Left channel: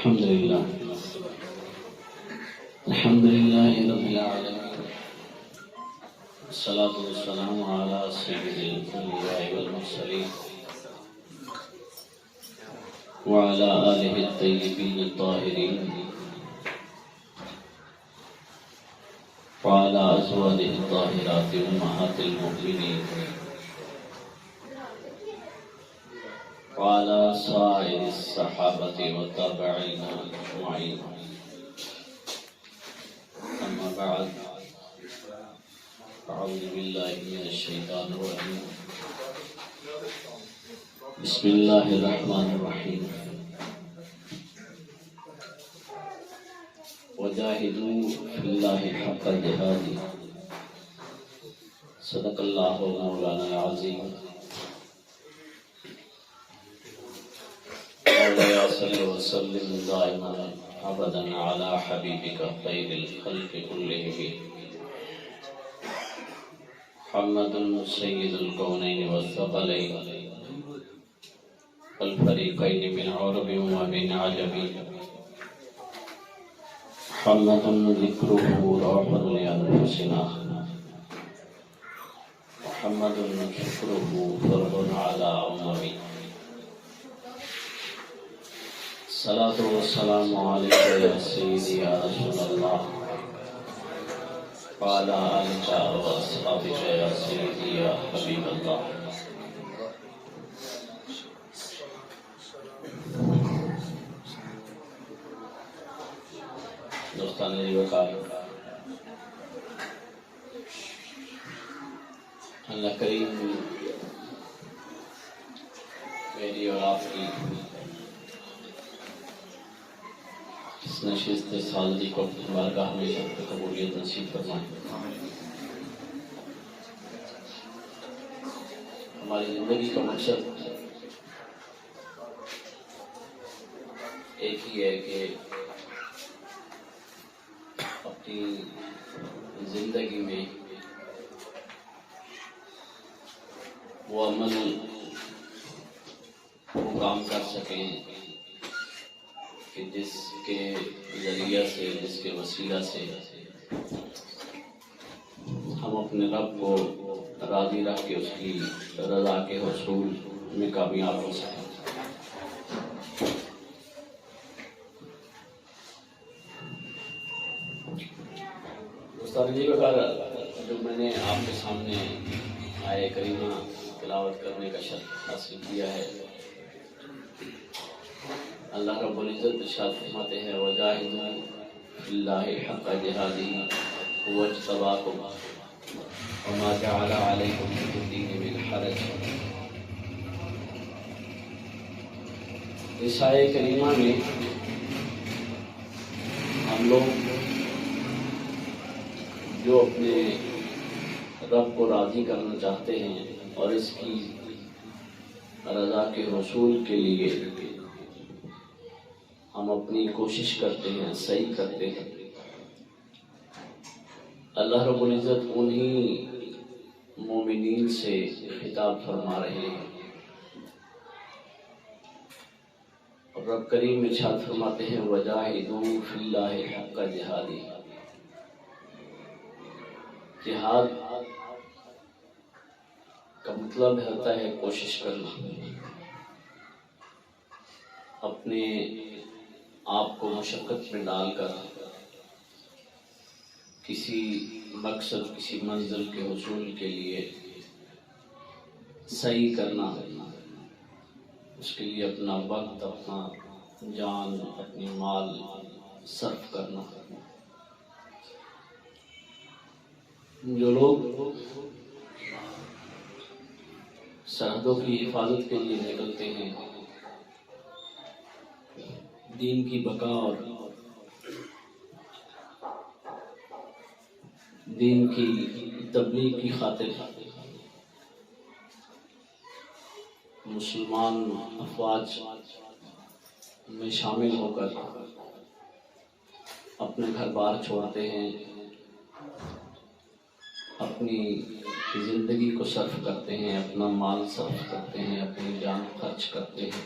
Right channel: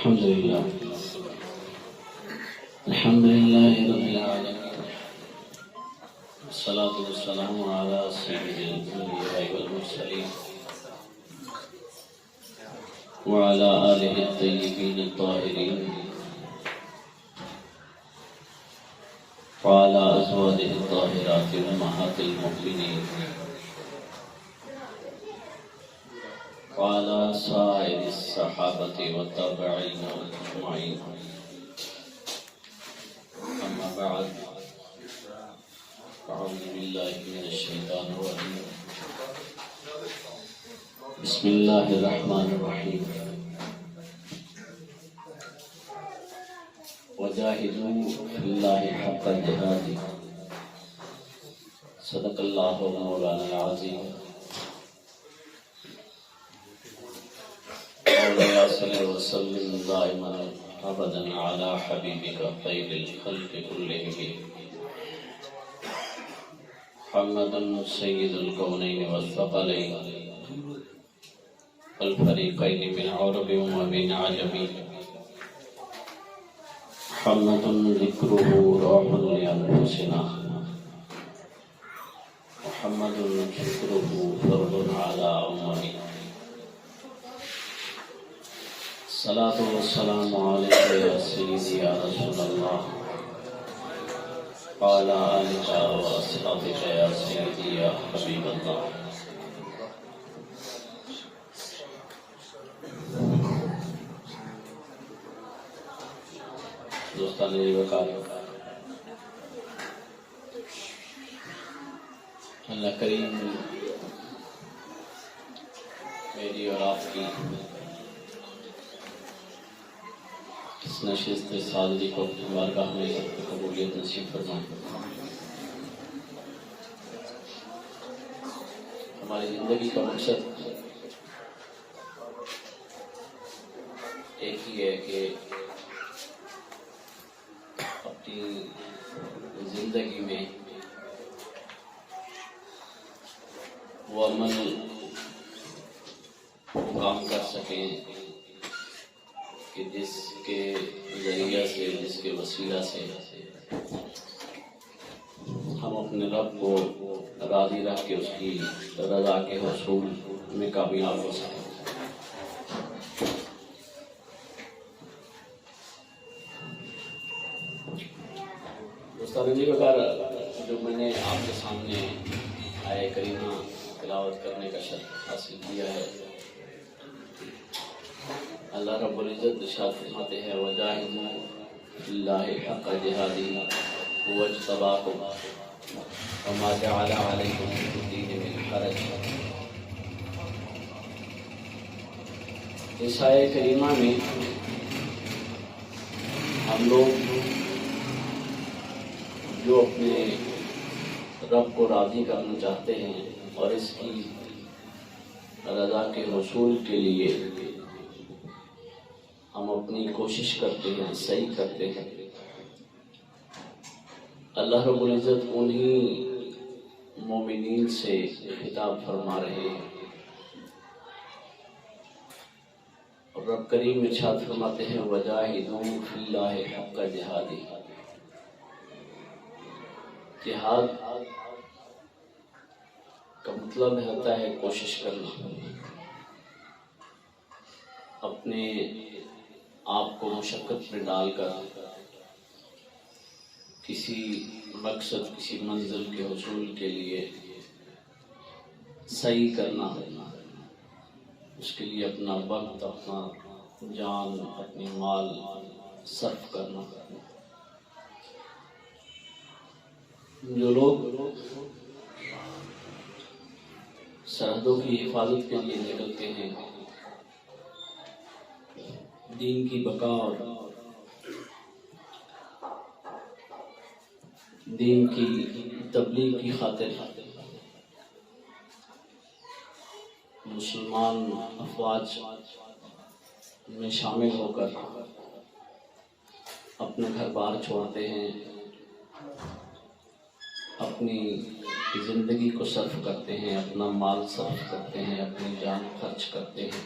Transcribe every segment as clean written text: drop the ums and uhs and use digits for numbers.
الحمد لله الحمد لله رب العالمين، والصلاة والسلام على سيد الأنبياء والمرسلين وعلى آله الطيبين الطاهرين وعلى أزواجه الطاهرات أمهات المؤمنين وعلى سائر الصحابة والتابعين أجمعين. أما بعد، أعوذ بالله من الشيطان الرجيم. بسم الله الرحمن الرحيم. وجاهدوا في الله حق جهاده. صدق الله مولانا العظيم. مولاي صل وسلم دائما ابدا على حبيبك خير الخلق كلهم محمد سيد الكونين والثقلين والفريقين من عرب ومن عجم، محمد ذكره روح لأنفسنا، محمد شكره فرض على أممي. الصلاة والسلام عليك يا سيدي يا رسول الله، وعلى آلك وأصحابك يا سيدي يا حبيب الله. دوستان وقار، اللہ کریم میری اور آپ کی اس نشست سالگی کو بارگاہ میں سب کو قبولیت نصیب فرمائے. ہماری زندگی کا مقصد ایک ہی ہے کہ اپنی زندگی میں وہ عمل کام کر سکیں کہ جس کے ذریعہ سے، جس کے وسیلہ سے ہم اپنے رب کو راضی رکھ کے اس کی رضا کے حصول میں کامیاب ہو سکیں. جو میں نے آپ کے سامنے آئے کریمہ تلاوت کرنے کا شرف حاصل کیا ہے، اللہ رب العزت ارشاد فرماتے ہیں وَجَاهِدُوا فِي اللَّهِ حَقَّ جِهَادِهِ هُوَ اجْتَبَاكُمْ وَمَا جَعَلَ عَلَيْكُمْ فِي الدِّينِ مِنْ حَرَجٍ. اس آیے کریمہ میں ہم لوگ جو اپنے رب کو راضی کرنا چاہتے ہیں اور اس کی رضا کے حصول کے لیے ہم اپنی کوشش کرتے ہیں، صحیح کرتے ہیں، اللہ رب العزت انہی مومنین سے خطاب فرما رہے ہیں. اور رب کریم ارشاد فرماتے ہیں وَجَاهِدُوا فِي اللَّهِ حَقَّ جِهَادِهِ. جہاد کا مطلب ہوتا ہے کوشش کرنا، اپنے آپ کو مشقت میں ڈال کر کسی مقصد، کسی منزل کے حصول کے لیے صحیح کرنا، اس کے لیے اپنا وقت، اپنا جان، اپنی مال صرف کرنا. جو لوگ سرحدوں کی حفاظت کے لیے نکلتے ہیں، دین کی بقا اور دین کی تبلیغ کی خاطر مسلمان افواج میں شامل ہو کر اپنے گھر بار چھوڑتے ہیں، اپنی زندگی کو صرف کرتے ہیں، اپنا مال صرف کرتے ہیں، اپنی جان خرچ کرتے ہیں،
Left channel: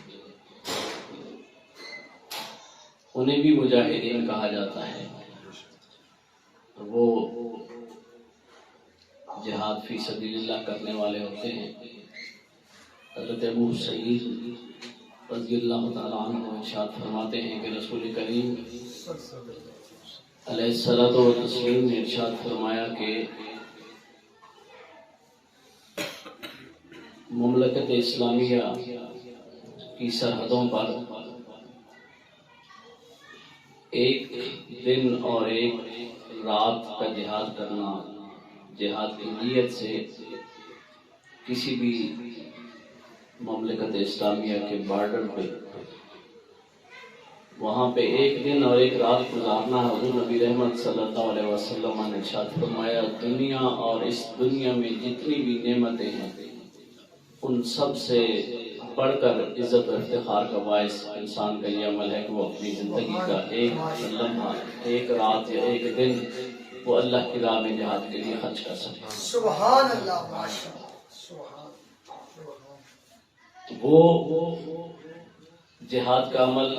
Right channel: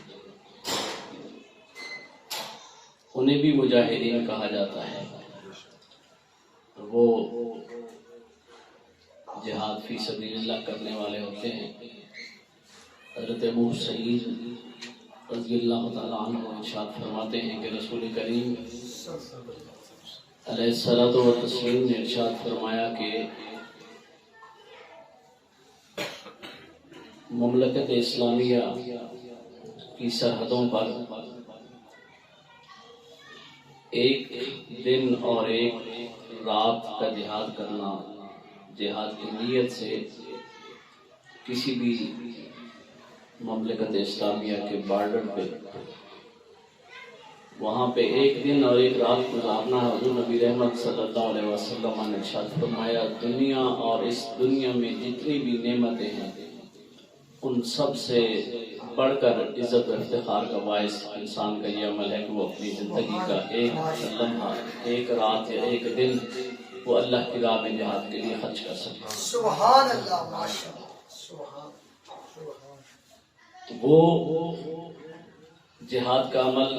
انہیں بھی مجاہدین کہا جاتا ہے. وہ جہاد فی سبیل اللہ کرنے والے ہوتے ہیں. حضرت ابو سعید رضی اللہ تعالیٰ عنہ ارشاد فرماتے ہیں کہ رسول کریم علیہ الصلوۃ والتسلیم نے ارشاد فرمایا کہ مملکت اسلامیہ کی سرحدوں پر ایک دن اور ایک رات کا جہاد کرنا، جہاد کی نیت سے کسی بھی مملکت اسلامیہ کے بارڈر پہ وہاں پہ ایک دن اور ایک رات گزارنا، حضور نبی رحمت صلی اللہ علیہ وسلم نے ارشاد فرمایا دنیا اور اس دنیا میں جتنی بھی نعمتیں ہیں ان سب سے بڑھ کر عزت و افتخار کا باعث انسان کا یہ عمل ہے کہ وہ اپنی زندگی کا ایک لمحہ، ایک رات یا ایک دن وہ اللہ کی راہ میں جہاد کے لیے خرچ کر سکے. سبحان اللہ، ماشاءاللہ. وہ جہاد کا عمل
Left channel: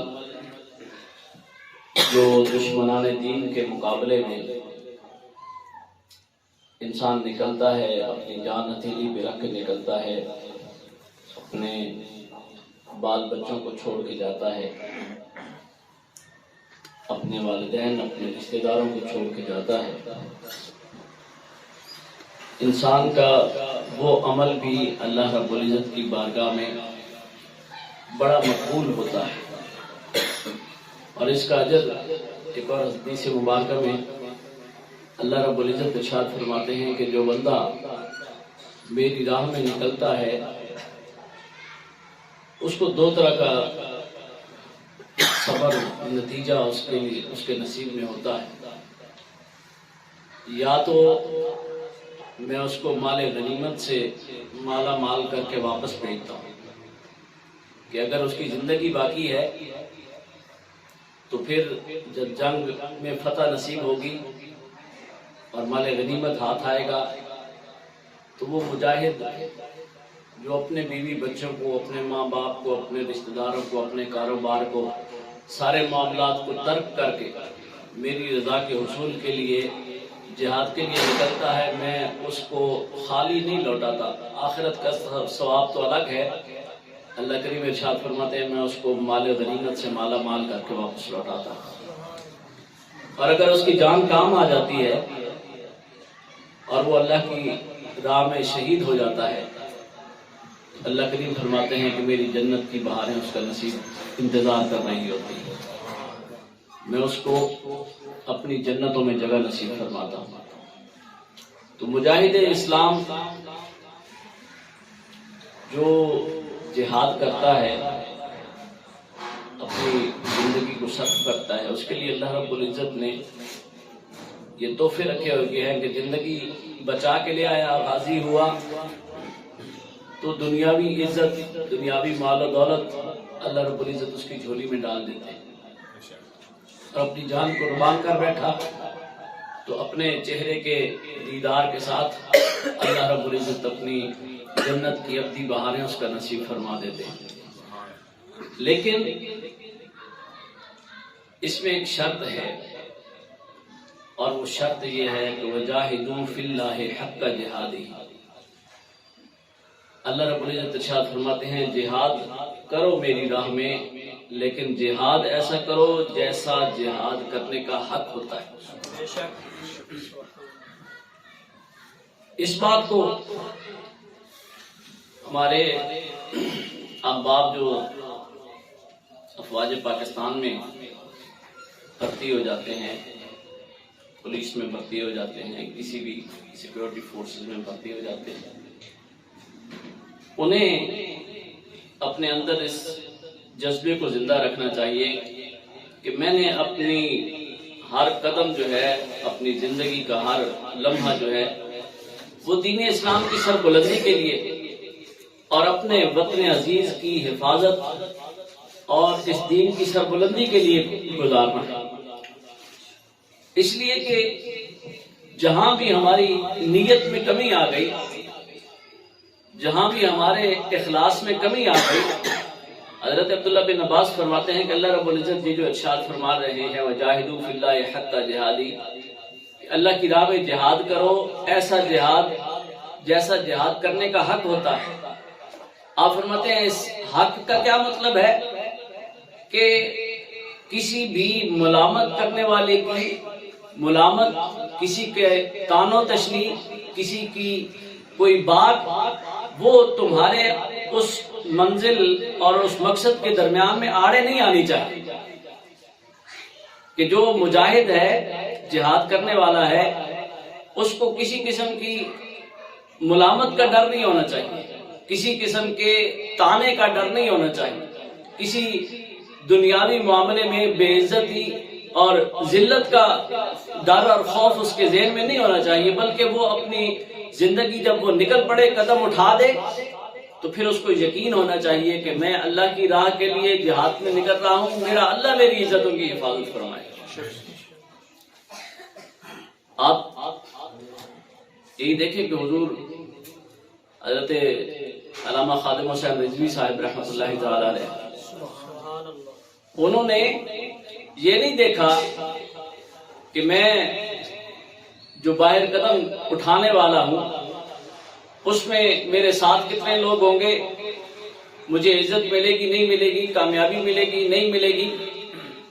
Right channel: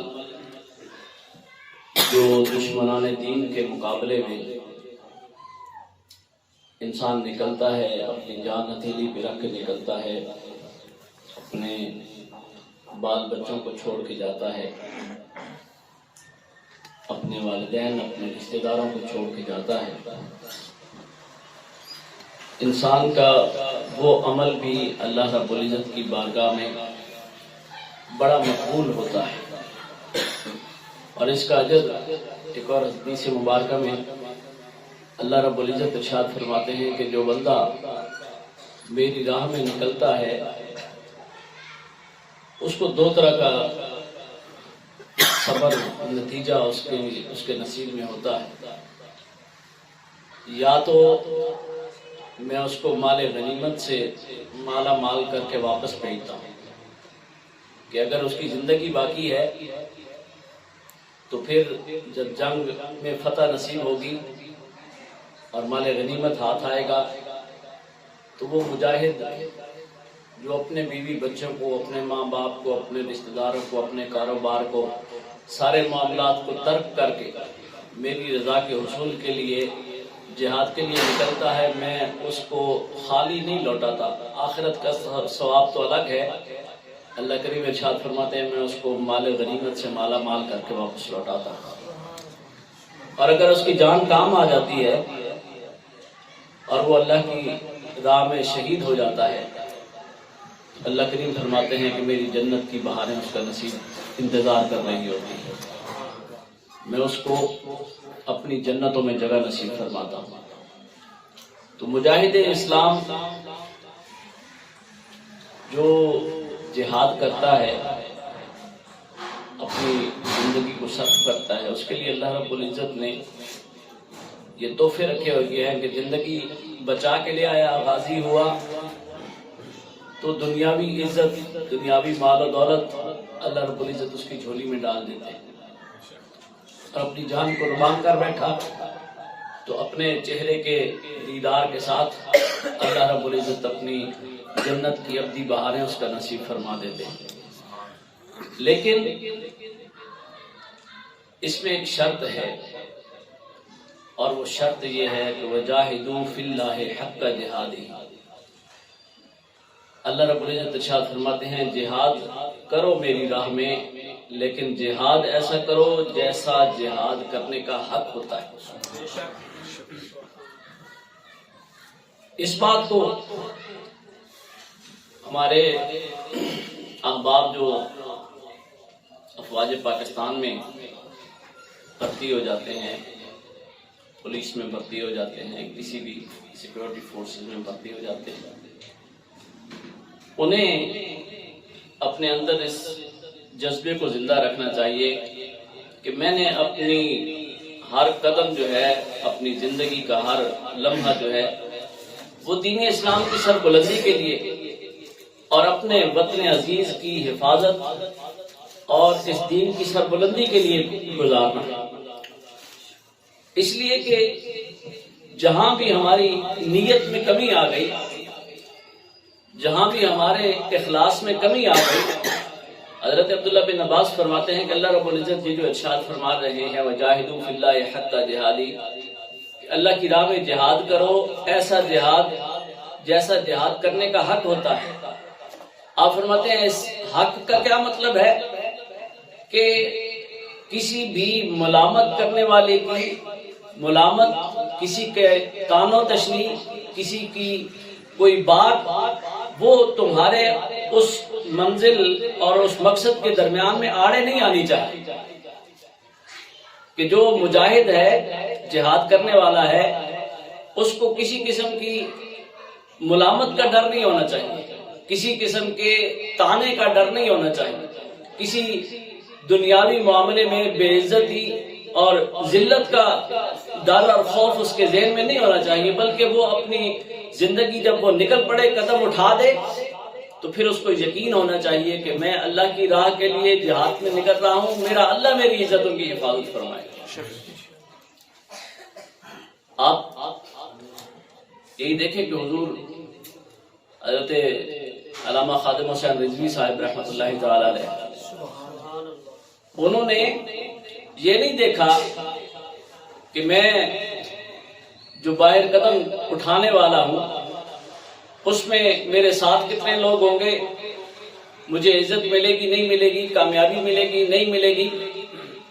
جو دشمنان دین کے مقابلے میں انسان نکلتا ہے، اپنی جان ہتھیلی پہ رکھ کے نکلتا ہے، اپنے بال بچوں کو چھوڑ کے جاتا ہے، اپنے والدین، اپنے رشتہ داروں کو چھوڑ کے جاتا ہے. انسان کا وہ عمل بھی اللہ رب العزت کی بارگاہ میں بڑا مقبول ہوتا ہے، اور اس کا اجر ایک اور حدیث مبارکہ میں اللہ رب العزت ارشاد فرماتے ہیں کہ جو بندہ میری راہ میں نکلتا ہے اس کو دو طرح کا صبر نتیجہ اس کے نصیب میں ہوتا ہے. یا تو میں اس کو مال غنیمت سے مالا مال کر کے واپس بھیجتا ہوں کہ اگر اس کی زندگی باقی ہے تو پھر جب جنگ میں فتح نصیب ہوگی اور مال غنیمت ہاتھ آئے گا تو وہ مجاہد جو اپنے بیوی بچوں کو، اپنے ماں باپ کو، اپنے رشتہ داروں کو، اپنے کاروبار کو، سارے معاملات کو ترک کر کے میری رضا کے حصول کے لیے جہاد کے لیے نکلتا ہے، میں اس کو خالی نہیں لوٹاتا. آخرت کا ثواب تو الگ ہے. اللہ کریم ارشاد فرماتے ہیں میں اس کو مال غنیمت سے مالا مال کر کے واپس لوٹاتا ہوں. اور اگر اس کی جان کام آ جاتی ہے اور وہ اللہ کی راہ میں شہید ہو جاتا ہے، اللہ کریم فرماتے ہیں کہ میری جنت کی بہاریں اس کا نصیب انتظار کر رہی ہوتی ہیں، میں اس کو اپنی جنتوں میں جگہ نصیب فرماتا ہوں. تو مجاہد اسلام جو جہاد کرتا ہے، اپنی زندگی کو سخت کرتا ہے، اس کے لیے اللہ رب العزت نے یہ تحفے رکھے ہوئے ہیں کہ زندگی بچا کے لے آیا، غازی ہوا تو دنیاوی عزت، دنیاوی مال و دولت اللہ رب العزت اس کی جھولی میں ڈال دیتے ہیں. اور اپنی جان قربان کر بیٹھا تو اپنے چہرے کے دیدار کے ساتھ اللہ رب العزت اپنی جنت کی ابدی بہاریں اس کا نصیب فرما دیتے ہیں. لیکن اس میں ایک شرط ہے، اور وہ شرط یہ ہے کہ وَجَاهِدُوا فِي اللَّهِ حَقَّ جِهَادِهِ. اللہ رب العزت ارشاد فرماتے ہیں جہاد کرو میری راہ میں، لیکن جہاد ایسا کرو جیسا جہاد کرنے کا حق ہوتا ہے. اس بات کو ہمارے احباب جو افواج پاکستان میں بھرتی ہو جاتے ہیں، پولیس میں بھرتی ہو جاتے ہیں، کسی بھی سیکورٹی فورسز میں بھرتی ہو جاتے ہیں، انہیں اپنے اندر اس جذبے کو زندہ رکھنا چاہیے کہ میں نے اپنی ہر قدم جو ہے، اپنی زندگی کا ہر لمحہ جو ہے وہ دین اسلام کی سربلندی کے لیے اور اپنے وطن عزیز کی حفاظت اور اس دین کی سربلندی کے لیے گزارنا ہے. اس لیے کہ جہاں بھی ہماری نیت میں کمی آ گئی، جہاں بھی ہمارے اخلاص میں کمی آ گئی، حضرت عبداللہ بن عباس فرماتے ہیں کہ اللہ رب العزت یہ جو ارشاد فرما رہے ہیں وجاہدوا فی اللہ حق جہادی، اللہ کی راہ میں جہاد کرو، ایسا جہاد جیسا جہاد کرنے کا حق ہوتا ہے۔ آپ فرماتے ہیں اس حق کا کیا مطلب ہے کہ کسی بھی ملامت کرنے والے کی ملامت، کسی کے طعن و تشنیع، کسی کی کوئی بات، وہ تمہارے اس منزل اور اس مقصد کے درمیان میں آڑے نہیں آنی چاہیے۔ کہ جو مجاہد ہے، جہاد کرنے والا ہے، اس کو کسی قسم کی ملامت کا ڈر نہیں ہونا چاہیے، کسی قسم کے طعنے کا ڈر نہیں ہونا چاہیے، کسی دنیاوی معاملے میں بے عزتی اور ذلت کا ڈر اور خوف اس کے ذہن میں نہیں ہونا چاہیے، بلکہ وہ اپنی زندگی جب وہ نکل پڑے، قدم اٹھا دے، تو پھر اس کو یقین ہونا چاہیے کہ میں اللہ کی راہ کے لیے جہاد میں نکل رہا ہوں، میرا اللہ میری عزتوں کی حفاظت فرمائے۔ آپ یہی دیکھیں کہ حضور حضرت علامہ خادم حسین رضوی صاحب رحمۃ اللہ تعالی علیہ، انہوں نے یہ نہیں دیکھا کہ میں جو باہر قدم اٹھانے والا ہوں اس میں میرے ساتھ کتنے لوگ ہوں گے، مجھے عزت ملے گی نہیں ملے گی، کامیابی ملے گی نہیں ملے گی،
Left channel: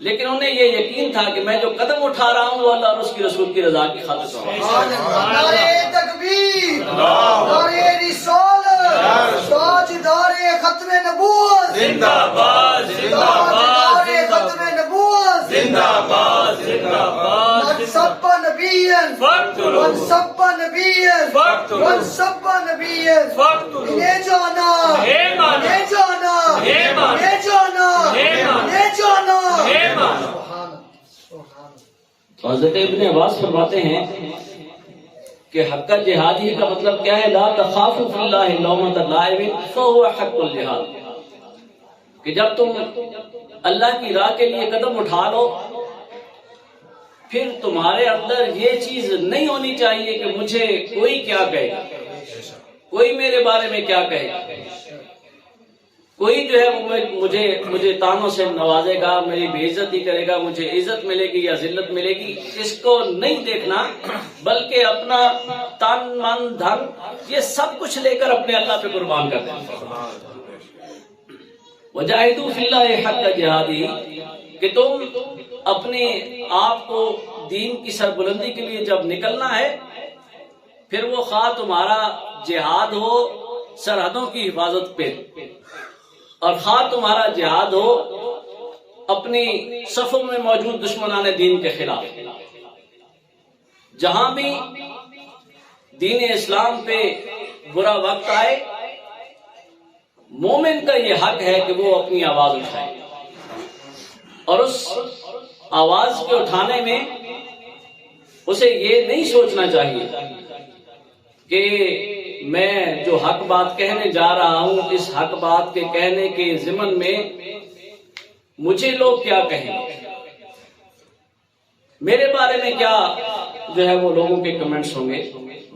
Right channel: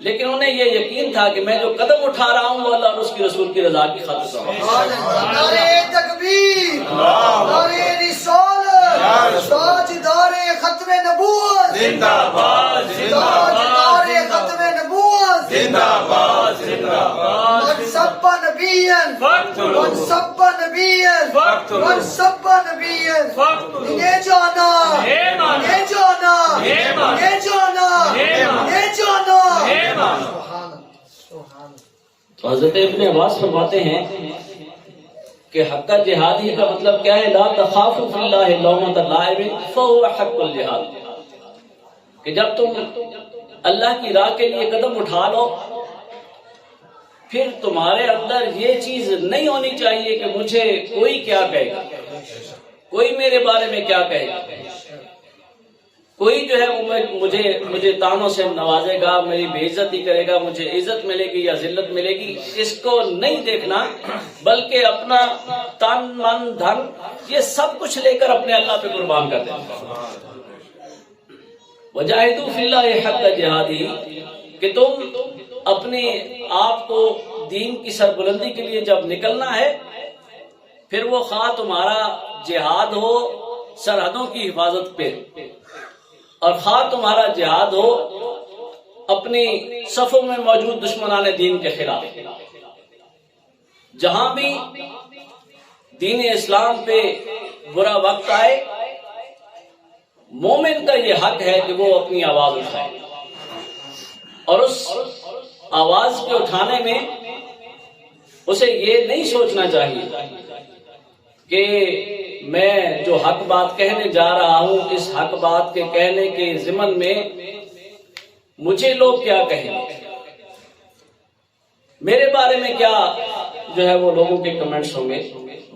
لیکن انہیں یہ یقین تھا کہ میں جو قدم اٹھا رہا ہوں وہ اللہ اور اس کی رسول کی رضا کی خاطر سے ہوں۔ نعرہ تکبیر، نعرہ رسالت، تاجدار ختم نبوت زندہ باد، تاجدار ختم نبوت زندہ باد، زندہ باد۔ من سب نبیا من سب نبیا من سب نبیا یہ جانا یہ جانا یہ جانا یہ جانا۔ تو حضرت ابن عباس فرماتے ہیں کہ حق جہادی کا مطلب کیا ہے؟ لا تخافوا فی اللہ لومۃ لائم فهو حق الجہاد، کہ جب تم اللہ کی راہ کے لیے قدم اٹھا لو، پھر تمہارے اندر یہ چیز نہیں ہونی چاہیے کہ مجھے کوئی کیا کہے گا، کوئی میرے بارے میں کیا کہے گا، کوئی جو ہے وہ مجھے تانوں سے نوازے گا، میری بے عزتی کرے گا، مجھے عزت ملے گی یا ذلت ملے گی، اس کو نہیں دیکھنا، بلکہ اپنا تن من دھن یہ سب کچھ لے کر اپنے اللہ پہ قربان کر دینا۔ وجاہدوا فی اللہ حق جہادی، کہ تم اپنے آپ کو دین کی سربلندی کے لیے جب نکلنا ہے، پھر وہ خواہ تمہارا جہاد ہو سرحدوں کی حفاظت پہ، اور خواہ تمہارا جہاد ہو اپنی صفوں میں موجود دشمنان دین کے خلاف، جہاں بھی دین اسلام پہ برا وقت آئے، مومن کا یہ حق ہے کہ وہ اپنی آواز اٹھائے، اور اس آواز کے اٹھانے میں اسے یہ نہیں سوچنا چاہیے کہ میں جو حق بات کہنے جا رہا ہوں، اس حق بات کے کہنے کے ضمن میں مجھے لوگ کیا کہیں گے، میرے بارے میں کیا جو ہے وہ لوگوں کے کمنٹس ہوں گے،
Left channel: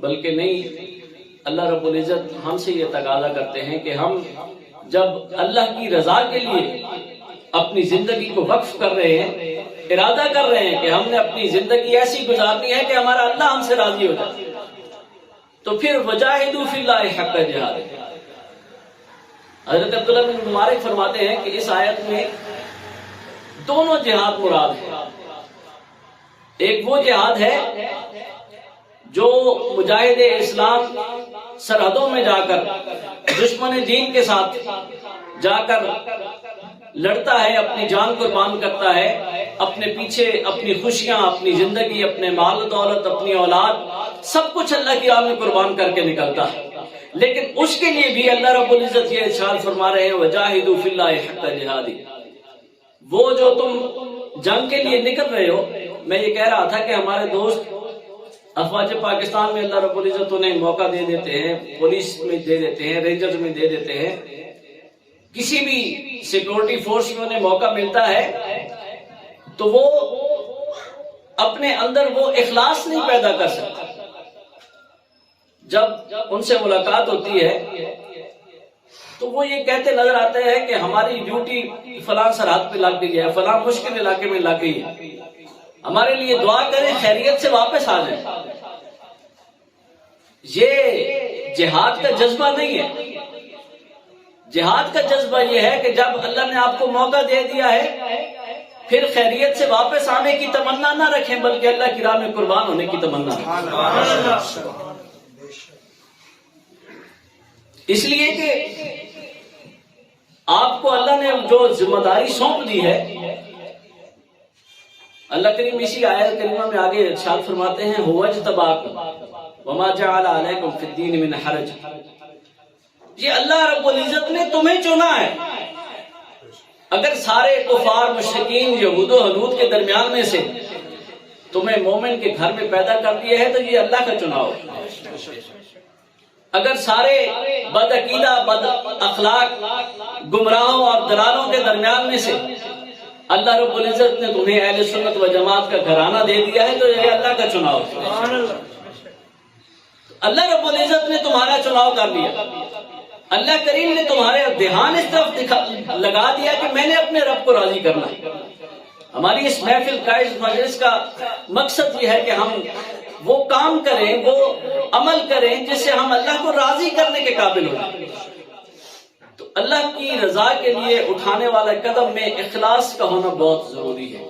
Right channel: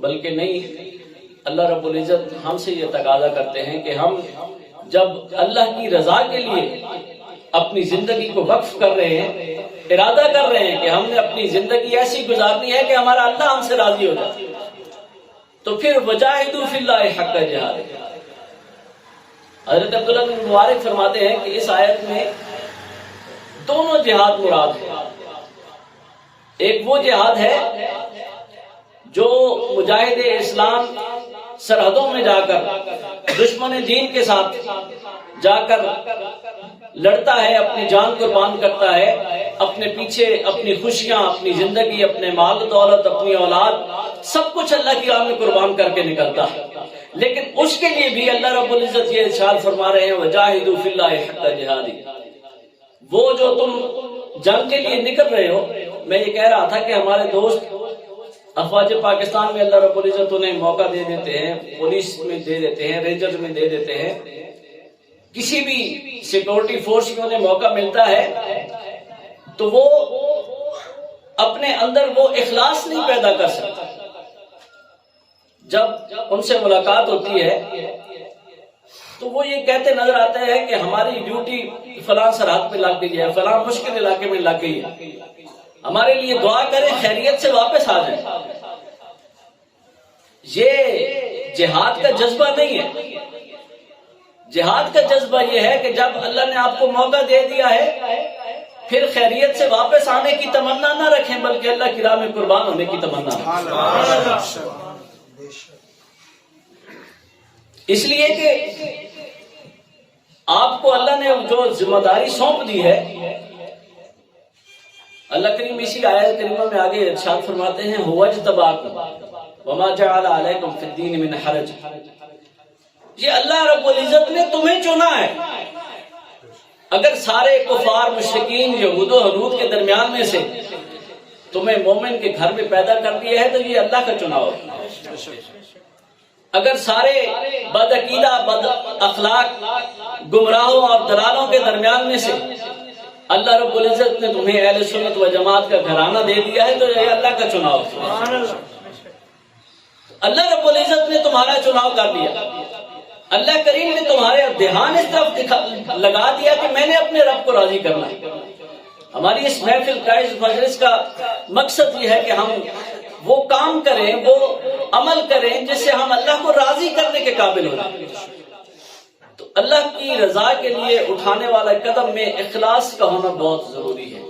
بلکہ نہیں، اللہ رب العزت ہم سے یہ تقاضا کرتے ہیں کہ ہم جب اللہ کی رضا کے لیے اپنی زندگی کو وقف کر رہے ہیں، ارادہ کر رہے ہیں کہ ہم نے اپنی زندگی ایسی گزارنی ہے کہ ہمارا اللہ ہم سے راضی ہو جائے، تو پھر وجاہدوا فی اللہ حق جہاد۔ حضرت عبداللہ بن مبارک فرماتے ہیں کہ اس آیت میں دونوں جہاد مراد ہے۔ ایک وہ جہاد ہے جو مجاہد اسلام سرحدوں میں جا کر دشمن دین کے ساتھ جا کر لڑتا ہے، اپنی جان قربان کرتا ہے، اپنے پیچھے اپنی خوشیاں، اپنی زندگی، اپنے مال و دولت، اپنی اولاد، سب کچھ اللہ کی راہ میں قربان کر کے نکلتا ہے، لیکن اس کے لیے بھی اللہ رب العزت یہ ارشاد فرما رہے ہیں وجاہدوا فی اللہ حق جہادی۔ وہ جو تم جنگ کے لیے نکل رہے ہو، میں یہ کہہ رہا تھا کہ ہمارے دوست افواج پاکستان میں اللہ رب العزت انہیں موقع دے دیتے ہیں، پولیس میں دے دیتے ہیں، رینجر میں دے دیتے ہیں، کسی بھی سیکورٹی فورس میں انہیں موقع ملتا ہے تو وہ اپنے اندر وہ اخلاص نہیں پیدا کر سکتا۔ جب ان سے ملاقات ہوتی ہے تو وہ یہ کہتے نظر آتے ہیں کہ ہماری ڈیوٹی فلاں سرحد پہ لگ گئی ہے، فلاں مشکل علاقے میں لگ گئی ہے، ہمارے لیے دعا کریں خیریت سے واپس آ جائیں۔ یہ جہاد کا جذبہ نہیں ہے۔ جہاد کا جذبہ یہ ہے کہ جب اللہ نے آپ کو موقع دے دیا ہے پھر خیریت سے واپس آنے کی تمنا نہ رکھیں، بلکہ اللہ کی راہ میں قربان ہونے کی تمنا رکھیں۔ اس لیے کہ آپ کو اللہ نے جو ذمہ داری سونپ دی ہے، اللہ کریم اسی آیت کریمہ میں آگے ارشاد فرماتے ہیں هو اجتباکم وما جعل علیکم فی الدین من حرج، یہ اللہ رب العزت نے تمہیں چنا ہے۔ اگر سارے کفار مشرکین یہود و حنود کے درمیان میں سے تمہیں مومن کے گھر میں پیدا کر دیا ہے تو یہ اللہ کا چناؤ ہے۔ اگر سارے بدعقیدہ بد اخلاق گمراہوں اور دلالوں کے درمیان میں سے اللہ رب العزت نے تمہیں اہل سنت و جماعت کا گھرانہ دے دیا ہے تو یہ اللہ کا چناؤ ہے۔ اللہ رب العزت نے تمہارا چناؤ کر لیا۔ اللہ کریم نے تمہارے دھیان اس طرف لگا دیا کہ میں نے اپنے رب کو راضی کرنا ہے۔ ہماری اس محفل کا، اس مجلس کا مقصد یہ ہے کہ ہم وہ کام کریں، وہ عمل کریں جس سے ہم اللہ کو راضی کرنے کے قابل ہو جائیں۔ تو اللہ کی رضا کے لیے اٹھانے والا قدم میں اخلاص کا ہونا بہت ضروری ہے۔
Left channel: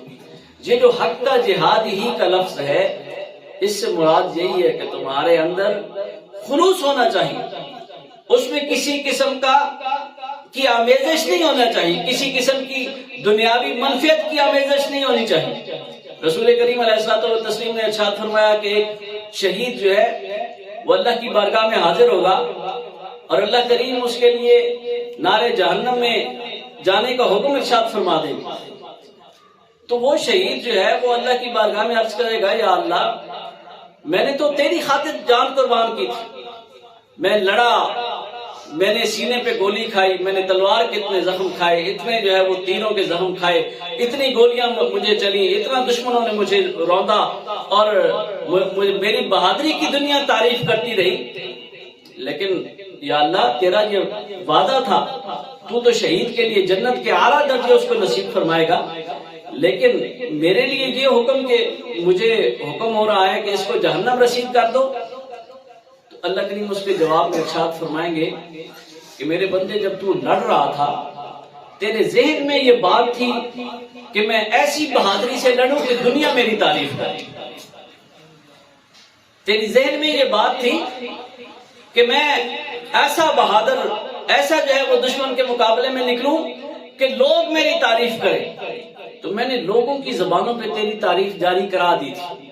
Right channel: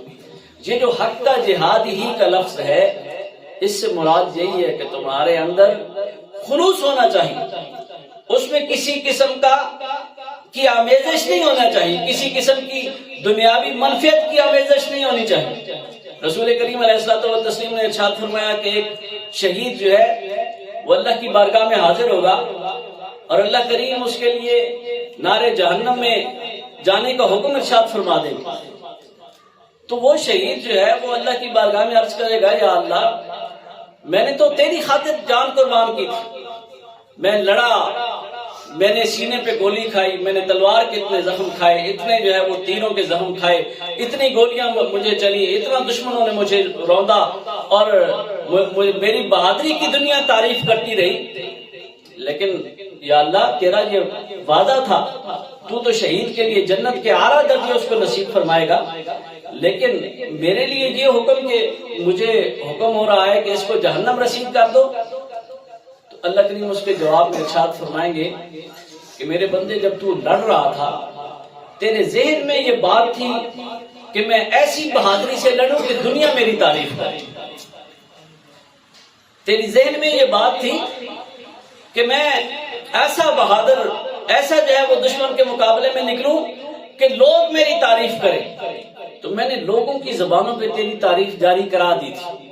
یہ جو حق کا جہاد ہی کا لفظ ہے، اس سے مراد یہی ہے کہ تمہارے اندر خلوص ہونا چاہیے، اس میں کسی قسم کی آمیزش نہیں ہونا چاہیے، کسی قسم کی دنیاوی منفعت کی آمیزش نہیں ہونی چاہیے۔ رسول کریم علیہ الصلوۃ والتسلیم نے ارشاد فرمایا کہ ایک شہید جو ہے وہ اللہ کی بارگاہ میں حاضر ہوگا اور اللہ کریم اس کے لیے نار جہنم میں جانے کا حکم ارشاد فرما دیں گے۔ تو وہ شہید جو ہے وہ اللہ کی بارگاہ میں عرض کرے گا، یا اللہ میں نے تو تیری خاطر جان قربان کی تھی، میں لڑا، میں نے سینے پہ گولی کھائی، میں نے تلوار کے اتنے زخم کھائے، اتنے جو ہے وہ تیروں کے زخم کھائے، اتنی گولیاں مجھے چلی، اتنا دشمنوں نے مجھے روندا اور میری بہادری کی دنیا تعریف کرتی رہی، لیکن یا اللہ تیرا یہ وعدہ تھا، تو شہید کے لیے جنت کے اعلیٰ درجے اس کو نصیب فرمائے گا، لیکن میرے لیے یہ حکم کہ مجھے حکم ہو رہا ہے کہ اس کو جہنم رسید کر دو۔ اللہ کریم اس کے جواب میں ارشاد فرمائیں گے کہ میرے بندے جب تو لڑ رہا تھا تیرے ذہن میں یہ بات تھی کہ میں ایسی بہادری سے لڑوں کہ دنیا میری تعریف کرے، تیری ذہن میں یہ بات تھی کہ میں ایسا بہادر، ایسا جو ہے وہ دشمن کے مقابلے میں نکلوں کہ لوگ میری تعریف کریں، تو میں نے لوگوں کی زبانوں پہ تیری تعریف جاری کرا دی تھی،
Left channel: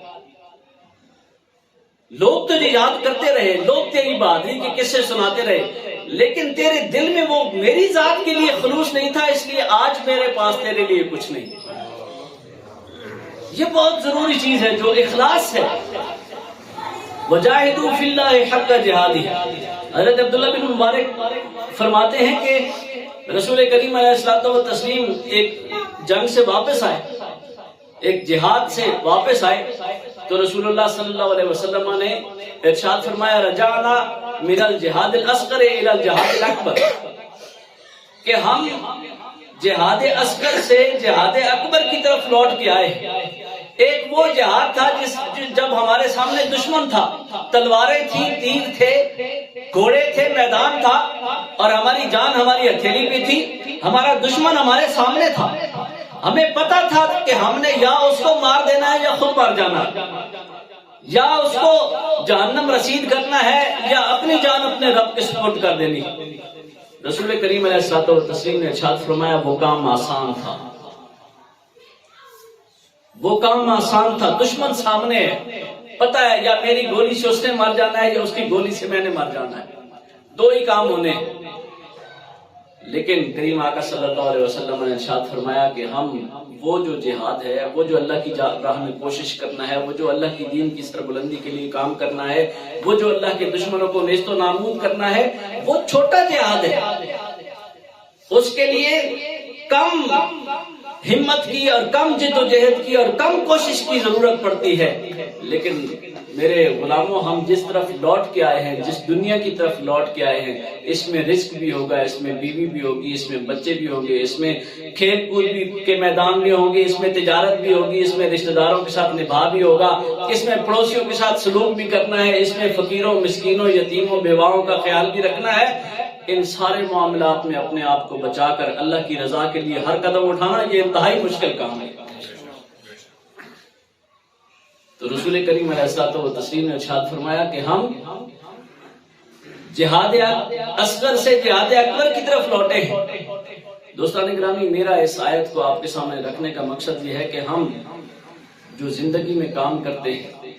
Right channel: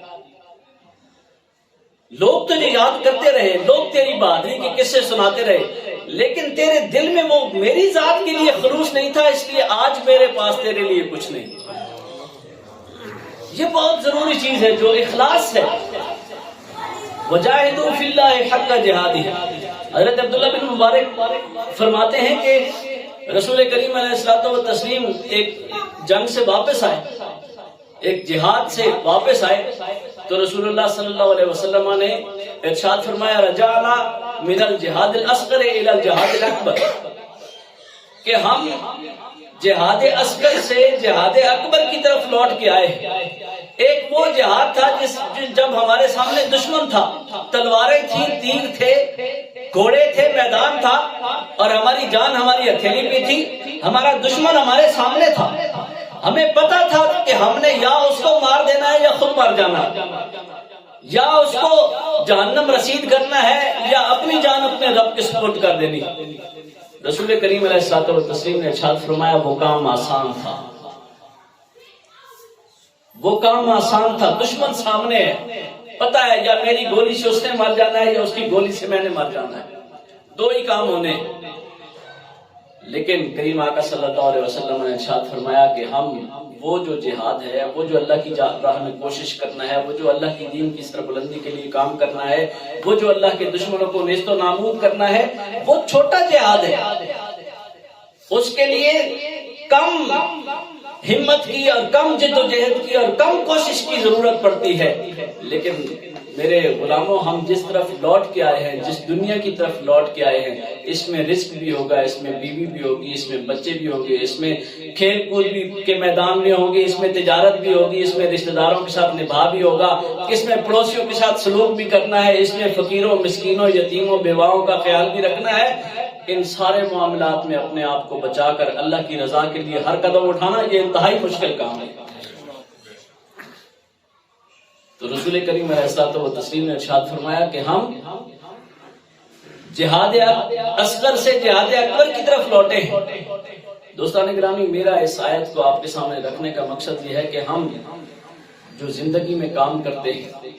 لوگ تجھے یاد کرتے رہے، لوگ تیری بہادری کے قصے سناتے رہے، لیکن تیرے دل میں وہ میری ذات کے لیے خلوص نہیں تھا، اس لیے آج میرے پاس تیرے لیے کچھ نہیں۔ یہ بہت ضروری چیز ہے جو اخلاص ہے۔ وجاہدوا فی اللہ حق جہادہ، حضرت عبداللہ بن مبارک فرماتے ہیں کہ رسول کریم علیہ الصلوۃ والتسلیم ایک جنگ سے واپس آئے، ایک جہاد سے واپس آئے، تو رسول اللہ صلی اللہ علیہ وسلم نے ارشاد فرمایا رجعنا من الجہاد الاصغر الى الجہاد الاکبر، کہ ہم جہاد اصغر سے جہاد اکبر کی طرف لوٹ کے آئے۔ ایک وہ جہاد تھا جب ہمارے سامنے دشمن تھا، تلواریں تھیں، تیر تھے، گھوڑے تھے، میدان تھا، اور ہماری جان ہماری ہتھیلی پہ تھی، ہمارا دشمن ہمارے سامنے تھا، ہمیں پتا تھا کہ ہم نے یا اس کو مار دینا ہے یا خود مار جانا، یا اس کو جہنم رسید کرنا ہے یا اپنی جان اپنے رب کے سپرد کر دینی۔ رسول کریم علیہ الصلوۃ والتسلیم نے ارشاد فرمایا وہ کام آسان تھا، وہ کام آسان تھا، دشمن سامنے ہے، پتا ہے یا میری گولی سے اس نے مر جانا ہے یا اس کی گولی سے میں نے مر جانا ہے، دو ہی کام ہونے، لیکن کریم آقا صلی اللہ علیہ وسلم نے ارشاد فرمایا کہ ہم وہ جو جہاد ہے، وہ جو اللہ کی راہ میں کوشش کرنا ہے، وہ جو اللہ کی دین کی سر بلندی کے لیے کام کرنا ہے، وہ جو اللہ کے دشمنوں کو نیست و نابود کرنا ہے، وہ چھوٹا جہاد ہے، اس کے لیے کم ہمت کی اور کم جد و جہد کی اور کم کوشش کی ضرورت پڑتی ہے، لیکن میرے غلاموں، ہم جس طرف لوٹ کے آئے ہیں، جس دنیا کی طرف لوٹ کے آئے ہیں، اس میں رزق بھی ہوگا، اس میں بیوی بھی ہوگی، اس میں بچے بھی ہوں گے، اس میں کھیل کود بھی کے میدان بھی ہوں گے، اس میں تجارت بھی ہوگی، اس میں رشتہ داروں کے ساتھ نبھا بھی ہوگا، اس میں پڑوسیوں کے ساتھ سلوک بھی کرنا ہے، اس میں فقیروں، مسکینوں، یتیموں، بیواؤں کا خیال بھی رکھنا ہے۔ ان سارے معاملات میں اپنے آپ کو بچا کر اللہ کی رضا کے لیے ہر قدم اٹھانا یہ انتہائی مشکل کام ہے۔ تو رسول کریم علیہ الصلوۃ والتسلیم نے ارشاد فرمایا کہ ہم جہاد اصغر سے جہاد اکبر کی طرف لوٹے ہیں۔ دوستان گرامی، میرا اس آیت کو آپ کے سامنے رکھنے کا مقصد یہ ہے کہ ہم جو زندگی میں کام کرتے ہیں،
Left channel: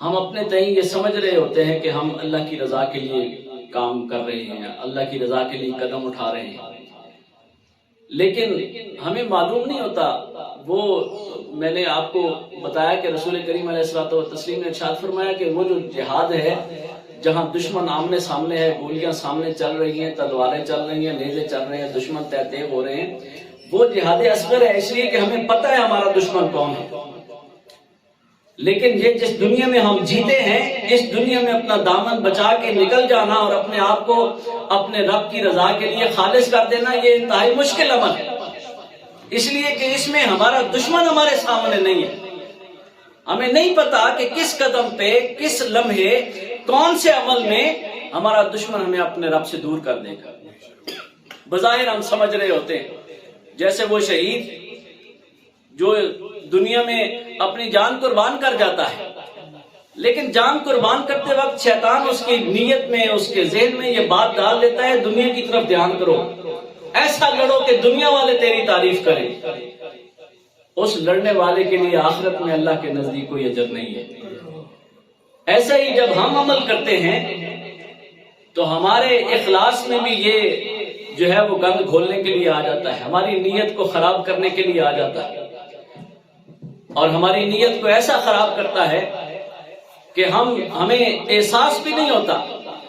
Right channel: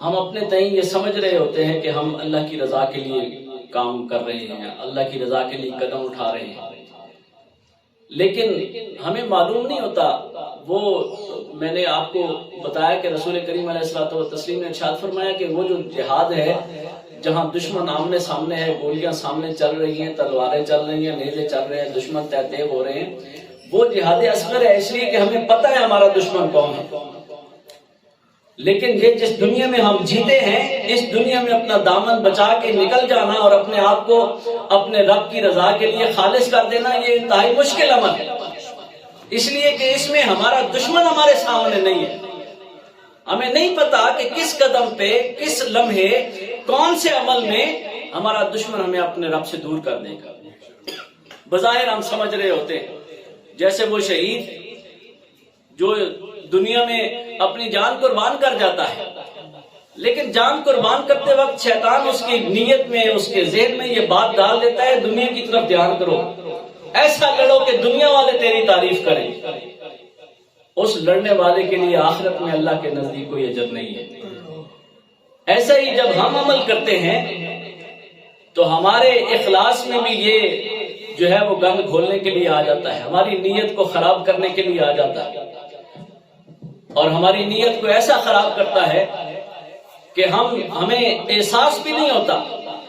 ہم اپنے تئیں یہ سمجھ رہے ہوتے ہیں کہ ہم اللہ کی رضا کے لیے کام کر رہے ہیں، اللہ کی رضا کے لیے قدم اٹھا رہے ہیں، لیکن ہمیں معلوم نہیں ہوتا۔ وہ میں نے آپ کو بتایا کہ رسول کریم علیہ الصلوۃ والتسلیم نے ارشاد فرمایا کہ وہ جو جہاد ہے جہاں دشمن آمنے سامنے ہے، گولیاں سامنے چل رہی ہیں، تلواریں چل رہی ہیں، نیزے چل رہے ہیں، دشمن تیب ہو رہے ہیں، وہ جہاد اصغر ہے، اس لیے کہ ہمیں پتہ ہے ہمارا دشمن کون ہے۔ لیکن یہ جس دنیا میں ہم جیتے ہیں، اس دنیا میں اپنا دامن بچا کے نکل جانا اور اپنے آپ کو اپنے رب کی رضا کے لیے خالص کر دینا، یہ انتہائی مشکل عمل ہے، اس لیے کہ اس میں ہمارا دشمن ہمارے سامنے نہیں ہے۔ ہمیں نہیں پتا کہ کس قدم پہ، کس لمحے، کون سے عمل میں ہمارا دشمن ہمیں اپنے رب سے دور کر دے گا۔ بظاہر ہم سمجھ رہے ہوتے ہیں، جیسے وہ شہید جو دنیا میں اپنی جان قربان کر جاتا ہے، لیکن جان قربان کرتے وقت شیطان اس کی نیت میں، اس کے ذہن میں یہ بات ڈال دیتا ہے، دنیا کی طرف دھیان کرو، ایسا لڑو کہ دنیا والے تیری تعریف کریں۔ اس لڑنے والے کے لیے آخرت میں اللہ کے نزدیک کوئی اجر نہیں ہے۔ ایسا ہی جب ہم عمل کرتے ہیں تو ہمارے اخلاص میں بھی یہ جو ہے وہ گند گھولنے کے لیے آ جاتا ہے، ہماری نیت کو خراب کرنے کے لیے آ جاتا ہے، اور ہماری نیت کو ایسا خراب کرتا ہے کہ ہمیں احساس بھی نہیں ہوتا۔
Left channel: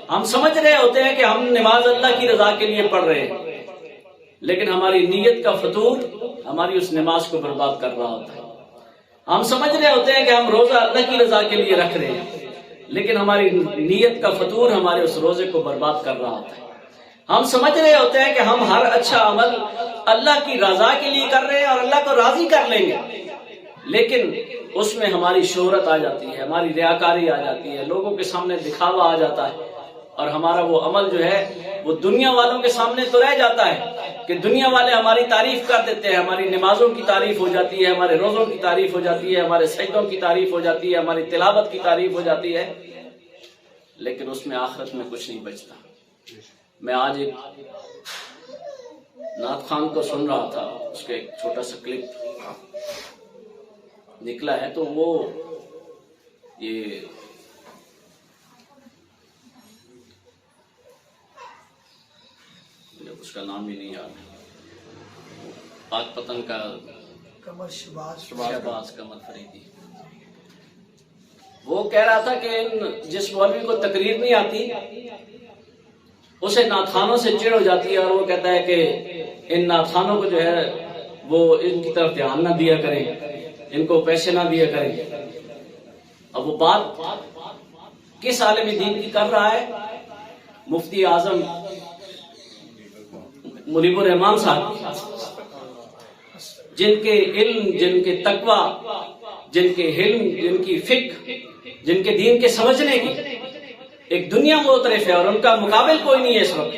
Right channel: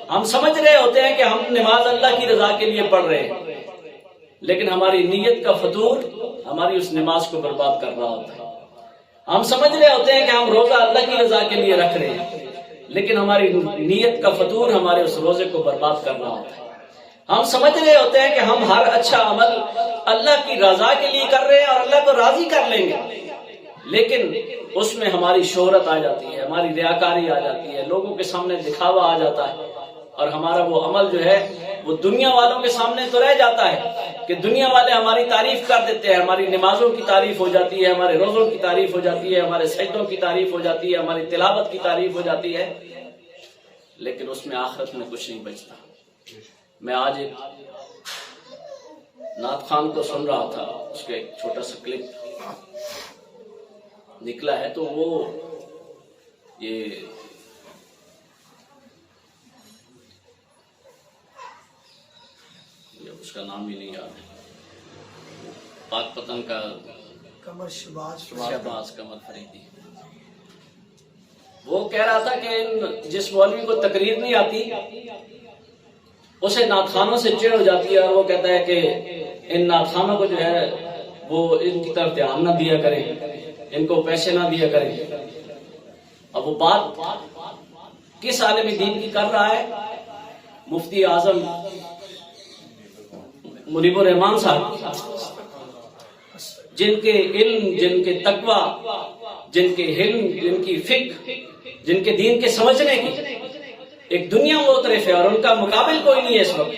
ہم سمجھ رہے ہوتے ہیں کہ ہم نماز اللہ کی رضا کے لیے پڑھ رہے ہیں، لیکن ہماری نیت کا فطور ہماری اس نماز کو برباد کر رہا ہوتا ہے۔ ہم سمجھ رہے ہوتے ہیں کہ ہم روزہ اللہ کی رضا کے لیے رکھ رہے ہیں، لیکن ہماری نیت کا فطور ہمارے اس روزے کو برباد کر رہا ہوتا ہے۔ ہم سمجھ رہے ہوتے ہیں کہ ہم ہر اچھا عمل اللہ کی رضا کے لیے کر رہے ہیں اور اللہ کو راضی کر لیں گے، لیکن اس میں ہماری شہرت آ جاتی ہے، ہماری ریاکاری آ جاتی ہے، لوگوں کے سامنے دکھاوا آ جاتا ہے، اور ہمارا وہ عمل جو ہے وہ دنیا والوں کے سامنے تو رہ جاتا ہے کہ دنیا والے ہماری تعریف کر دیتے ہیں، ہماری نمازوں کی تعریف ہو جاتی ہے، ہمارے روزوں کی تعریف ہو جاتی ہے، ہمارے سجدوں کی تعریف ہو جاتی ہے، ہماری تلاوت کی تعریف ہو جاتی ہے، لیکن اس میں آخرت میں کچھ نہیں بچتا۔ میں آج ایک نعت خان کو سن رہا تھا، اس کا ایک چھوٹا سا کلپ نکلا ہے، تو وہ یہ اس کا نام ہی نہیں یاد ہے، پاک پتن کا شہباز قمر فریدی، وہ کہہ رہا تھا کہ جس مولوی کو تقریر نہیں آتی اسے نعت خوانوں سے چڑ ہو جاتی ہے، اور وہ کہتا ہے کہ ان نعت خوانوں کو جو ہے وہ ان کی طرف دھیان نہ دیا کریں، ان کو پیسے نہ دیا کریں۔ اب وہ بات کس عالم دین کی کر رہا ہے؟ مفتی اعظم منیب الرحمان صاحب، جن کے علم، جن کے تقویٰ، جن کے علم، جن کی فکر، جن کے دین کے سمجھنے کی ایک دنیا معترف ہے، اور ان کا مقابل کوئی نہیں ہے اس وقت،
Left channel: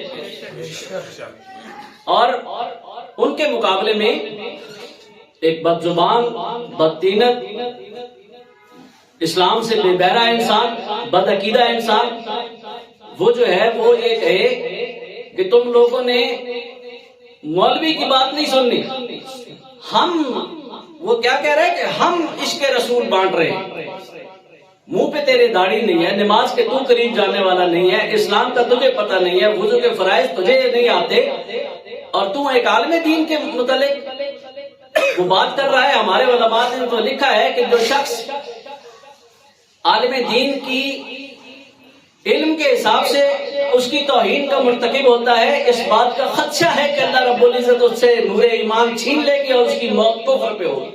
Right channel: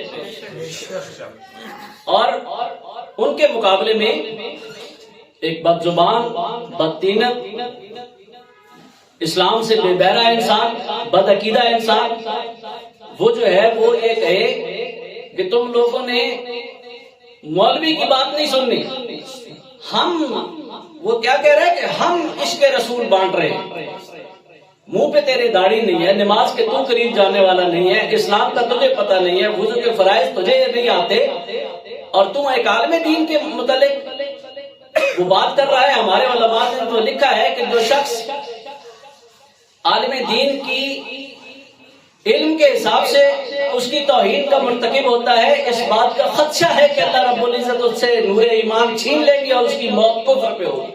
اور ان کے مقابلے میں ایک بد زبان، بدتینت، اسلام سے بے بہرہ انسان، بد عقیدہ انسان، وہ جو ہے وہ یہ کہے کہ تم لوگوں نے مولوی کی بات نہیں سننی، وہ کیا کہہ رہے ہیں کہ ہم عشق رسول بانٹ رہے ہیں، منہ پہ تیرے داڑھی نہیں ہے، نماز کے تو قریب جانے والا نہیں ہے، اسلام کا تجھے پتہ نہیں ہے، وضو کے فرائض تجھے نہیں آتے، اور تم ایک عالم دین کے متعلق وہ بات کر رہا ہے۔ ہمارے علماء نے تو لکھا ہے کہ جو شخص عالم دین کی علم کے حساب سے اس کی توہین کا مرتکب ہوتا ہے، اس بات کا خدشہ ہے کہ اللہ رب العزت اس سے نور ایمان چھین لے گی اور اس کی موت کفر پہ ہوگی۔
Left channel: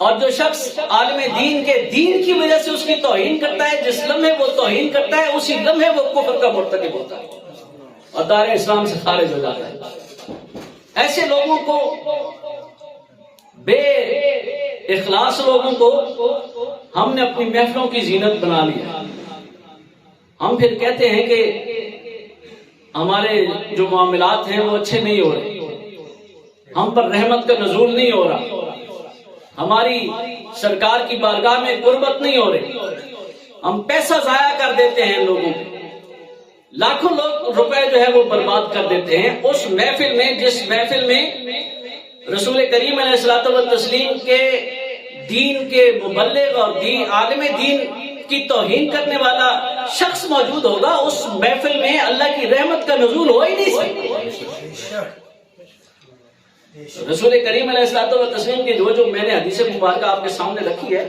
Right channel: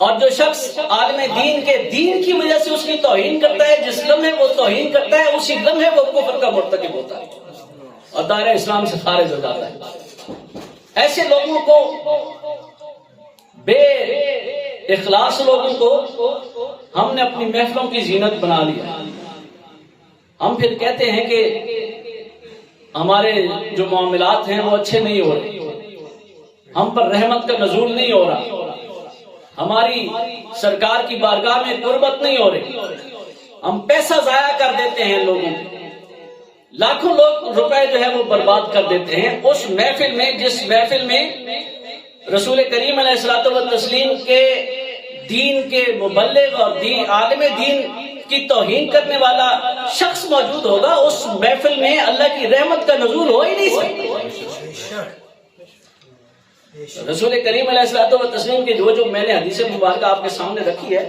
اور جو شخص عالم دین کے دین کی وجہ سے اس کی توہین کرتا ہے، جس لمحے وہ توہین کرتا ہے اسی لمحے وہ کفر کا مرتکب ہوتا ہے اور دائرہ اسلام سے خارج ہو جاتا ہے۔ ایسے لوگوں کو، بے اخلاص لوگوں کو ہم نے اپنی محفلوں کی زینت بنا لیا۔ ہم پھر کہتے ہیں کہ ہمارے جو معاملات ہیں وہ اچھے نہیں ہو رہے، ہم پر رحمت کا نزول نہیں ہو رہا، ہماری سرکار کی بارگاہ میں قربت نہیں ہو رہی، ہم پیسہ ضائع کر دیتے ہیں لوگوں کو، لاکھوں روپے جو ہے وہ برباد کر دیتے ہیں اس محفل میں جس محفل میں رسول کریم علیہ الصلوۃ والتسلیم کے دین کے مبلغ اور عالم دین کی توہین کرنے والا شخص موجود ہوگا، اس محفل میں اللہ کی رحمت کا نزول ہو ہی نہیں سکتا۔ رسول کریم علیہ الصلوۃ والتسلیم کی جو میں نے حدیث مبارکہ آپ کے سامنے رکھی ہے،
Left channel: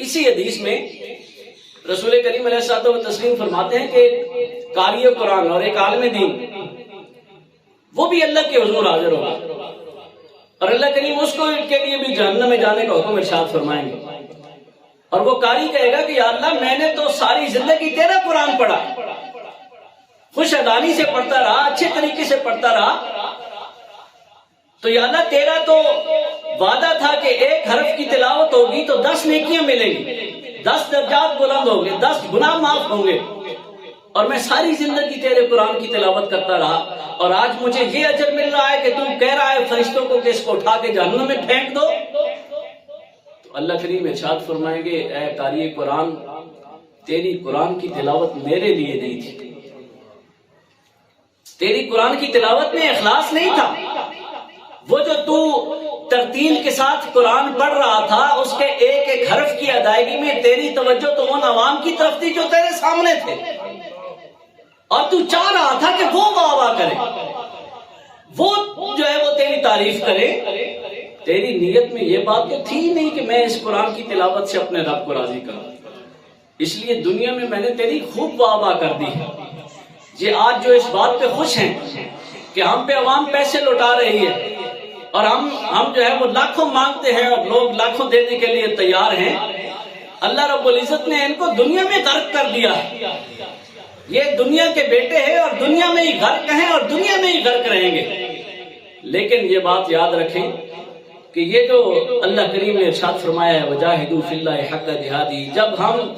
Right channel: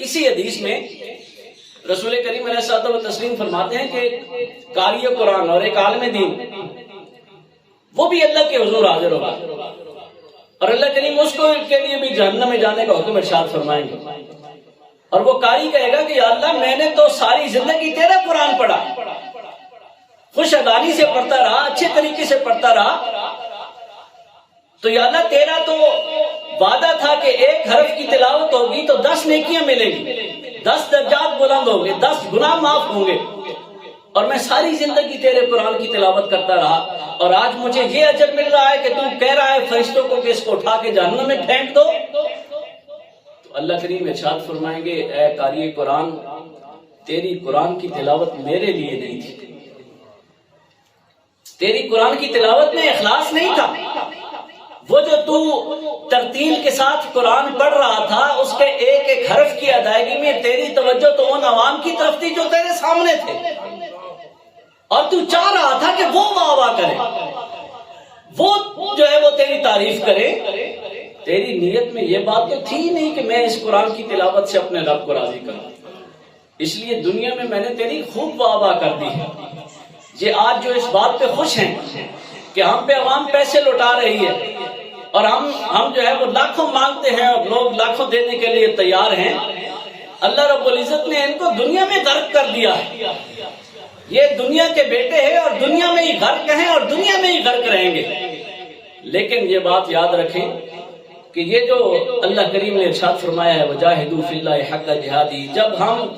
اسی حدیث میں رسول کریم علیہ الصلوۃ والتسلیم فرماتے ہیں کہ ایک قاری قرآن اور ایک عالم دین وہ بھی اللہ کے حضور حاضر ہوگا اور اللہ کریم اس کو کے لیے بھی جہنم میں جانے کا حکم ارشاد فرمائیں گے، اور وہ قاری کہے گا کہ یا اللہ میں نے تو ساری زندگی تیرا قرآن پڑھا، خوش ادانی سے پڑھتا رہا، اچھے طریقے سے پڑھتا رہا، تو یا اللہ تیرا تو وعدہ تھا کہ ایک حرف کی تلاوت ہوگی تو 10 نیکیاں ملیں گی، 10 درجات بلند ہوں گے، 10 گناہ معاف ہوں گے، اور میں ساری زندگی تیرے قرآن کی تلاوت کرتا رہا اور آج مجھے یہ اجر مل رہا ہے کہ تو کہہ رہا ہے فرشتوں کو کہ اس کو اٹھا کے جہنم میں پھینک دو۔ تو اللہ کریم ارشاد فرمائیں گے اے قاری قرآن، تیری قرآن کی تلاوت میرے لیے نہیں تھی، تیری قرآن کی تلاوت میں اخلاص نہیں تھا، وہ جو تو ترتیل کے ساتھ قرآن پڑھ رہا تھا اس کے ایک ایک حرف کی ادائیگی میں تیری توجہ تو ان عوام کی طرف تھی جو تیرے سامنے تھے، اور تو چاہ رہا تھا کہ وہ واہ واہ کرے، وہ جو ہے وہ تیری تعریف کرے، تیری نیت میں یہ بات تو تھی ہی نہیں کہ میں اس قرآن کی تلاوت سے اپنے رب کو راضی کروں، اس لیے دنیا میں میں نے تیری خوب واہ واہ کر دی ہے۔ یہ آج جو اس بات پہ خوش ہیں کہ ہم پہ عوام پیسے لوٹا رہی ہے اور ہم جو ہے وہ لاکھوں مانگتے ہیں اور لوگ لاکھوں دینے کے لیے تیار ہیں، اللہ رب العزت نے ان کو دنیا میں غرق کر دیا ہے، یہ دنیا کے بیٹے ہیں اور دنیا میں ہی غرق ہیں اور دنیا میں ہی غرق رہیں گے۔ لیکن یہ بات یاد رکھیں کہ یہ جو اللہ کریم نے ارشاد فرمایا ہے وجاہدوا فی اللہ حق جہادی، جب ہم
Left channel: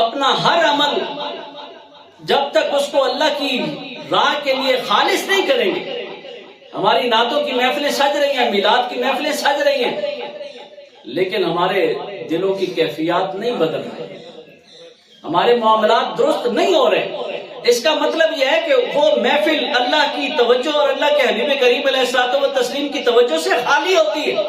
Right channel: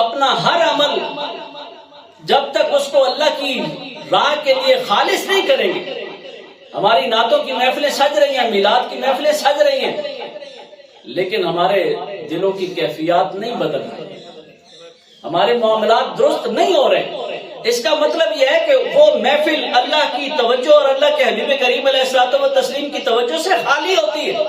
اپنا ہر عمل جب تک اس کو اللہ کی راہ کے لیے خالص نہیں کریں گے، ہماری نعتوں کی محفلیں سج رہی ہیں، میلاد کی محفلیں سج رہی ہیں، لیکن ہمارے دلوں کی کیفیات نہیں بدل رہی، ہمارے معاملات درست نہیں ہو رہے، اس کا مطلب یہ ہے کہ وہ محفل اللہ کی توجہ اور اللہ کے حبیب کریم علیہ الصلوۃ والتسلیم کی توجہ سے خالی ہوتی ہے،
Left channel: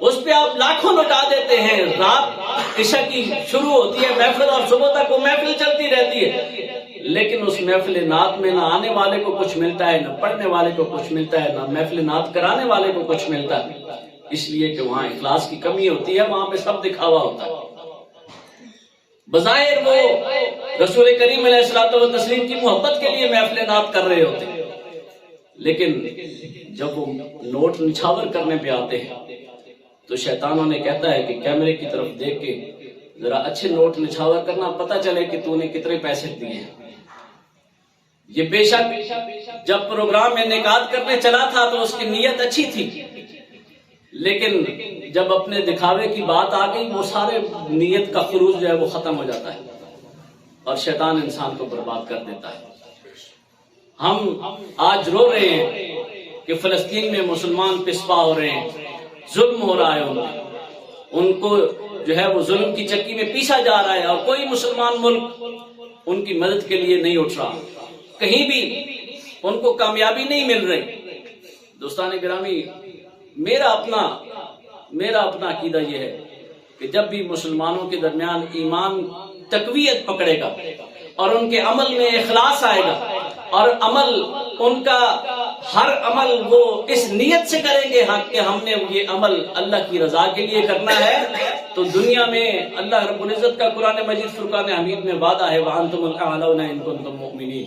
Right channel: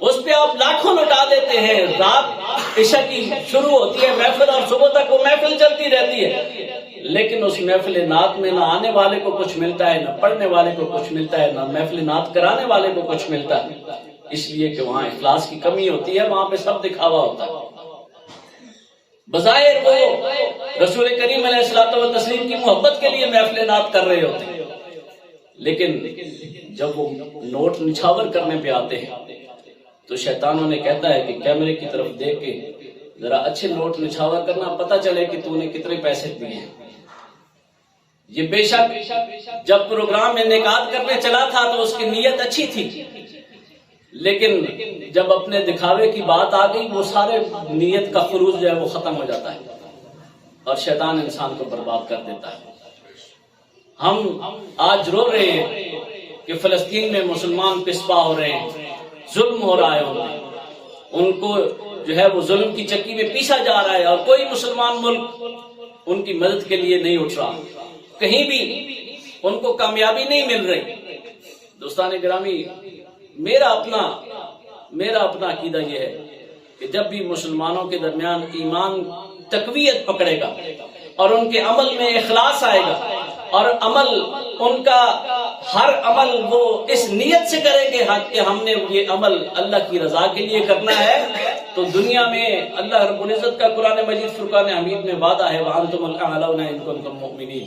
اس پہ آپ لاکھوں لوٹا دیتے ہیں، رات عشاء کی شروع ہوتی ہے محفل اور صبح تک وہ محفل چلتی رہتی ہے، لیکن اس محفل نعت میں نہ آنے والے کو کچھ ملتا ہے، نہ پڑھنے والے کو کچھ ملتا ہے، نہ محفل نعت کرانے والے کو کچھ ملتا ہے، اس لیے کہ وہاں اخلاص کی کمی ہوتی ہے، وہاں پہ سب دکھاوا ہوتا ہے۔ بظاہر وہ رسول کریم علیہ الصلوۃ والتسلیم کی محبت کے لیے محفل نعت کر رہے ہوتے ہیں، لیکن جب وہ نوٹ نچھاور کرنے پہ آتے ہیں تو شیطانوں نے کہتا ہے کہ کیمرے کی طرف دیکھ کے ذرا اچھے نوٹ نچھاور کرنا، پتہ چلے کہ تو نے کتنے پیسے دیے ہیں۔ یہ بے شک جب پروگرام میں انعقاد کرنے چلا تھا تو اس کی نیت اچھی تھی، لیکن جب اپنے دکھاوے کی بات آ گئی وہ سارے نیت کا خروج جو ہے وہ ختم ہو جاتا ہے اور شیطان انسان کو برباد کر دیتا ہے۔ ہم آج رو رہے ہیں کہ فلسطین میں مسلمان پسپا ہو رہے ہیں، ظلم ہو رہا ہے، ان کو جو ہے وہ ظلم کی چکی میں پیسا جا رہا ہے اور کوئی مسلمان ملک ان کی مدد کے لیے نہیں اٹھ رہا، کہیں بھی ان کو کامیابی نہیں مل رہی۔ دوستان گرامی، میرا اپنا عقیدہ یہ ہے کہ جب بھی مسلمانوں کے درمیان ایمان تقویت پکڑے گا اور ان کے عمل میں اخلاص آئے گا اور عمل ان کا ہر عمل وہ اس نیت سے کریں گے کہ ہم نے یہ عمل اللہ کی رضا کے لیے کرنا ہے، تو دنیا میں اللہ رب العزت کا قرآن مجید فرقان حمید میں وعدہ ہے وَأَنْتُمُ الْأَعْلَوْنَ إِن كُنتُم مُؤْمِنِينَ۔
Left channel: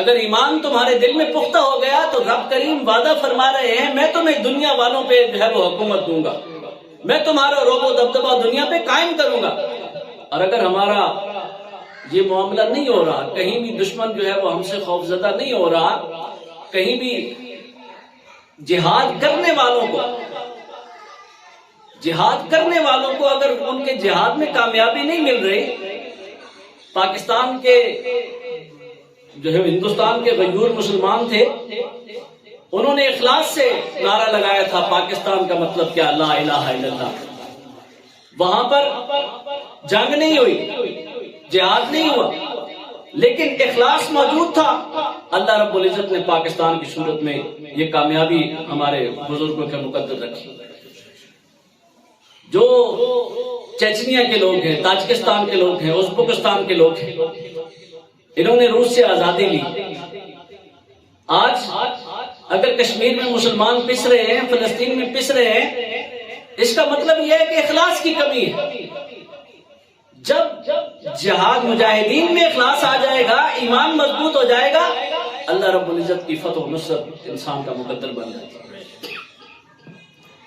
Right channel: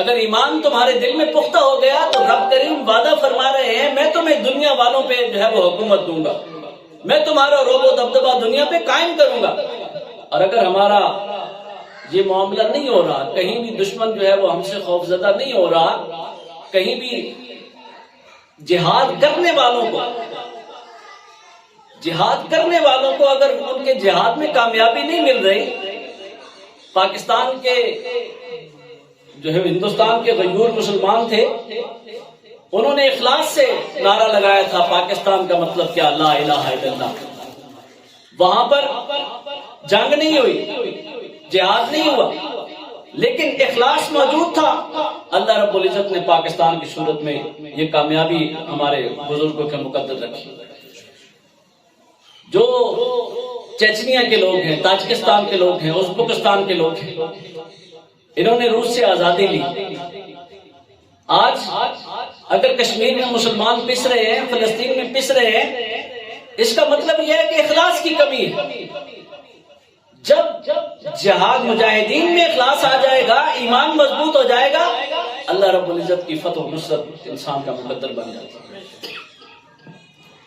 اگر ایمان تمہارے دل میں پختہ ہو گیا تو رب کریم وعدہ فرما رہے ہیں میں تمہیں دنیا والوں پہ جو ہے وہ حکومت دوں گا، میں تمہارا روب و دبدبہ دنیا پہ قائم کروں گا۔ اور اگر ہمارا یہ معاملہ نہیں ہو رہا، کہیں بھی دشمن جو ہے وہ ہم سے خوفزدہ نہیں ہو رہا، کہیں بھی جہاد کرنے والوں کو اگر ان کے جہاد میں کامیابی نہیں مل رہی، پاکستان کے جو ہے ہندوستان کے غیور مسلمان تھے، انہوں نے اخلاص سے نعرہ لگایا تھا پاکستان کا مطلب کیا، لا الہ الا اللہ۔ وہاں پر جنگ نہیں ہوئی، جہاد نہیں ہوا، لیکن اخلاص موجود تھا۔ اللہ رب العزت نے پاکستان کی صورت میں یہ کامیابی ہمارے بزرگوں کے مقدر رکھی۔ جو چیچنیا کے لوگ ہیں، تاجکستان کے لوگ ہیں، ازبکستان کے لوگ ہیں، انہوں نے روس سے آزادی لی۔ آج اگر کشمیر میں مسلمان پس رہے ہیں، فلسطین میں پس رہے ہیں، اس کا مطلب یہ ہے کہ اخلاص کی کمی ہے۔ جب جہاد مجاہدین میں اخلاص آ جائے گا، ایمان مضبوط ہو جائے گا، اللہ رب العزت کی فتح و نصرت انسان کا مقدر بن جاتی ہے۔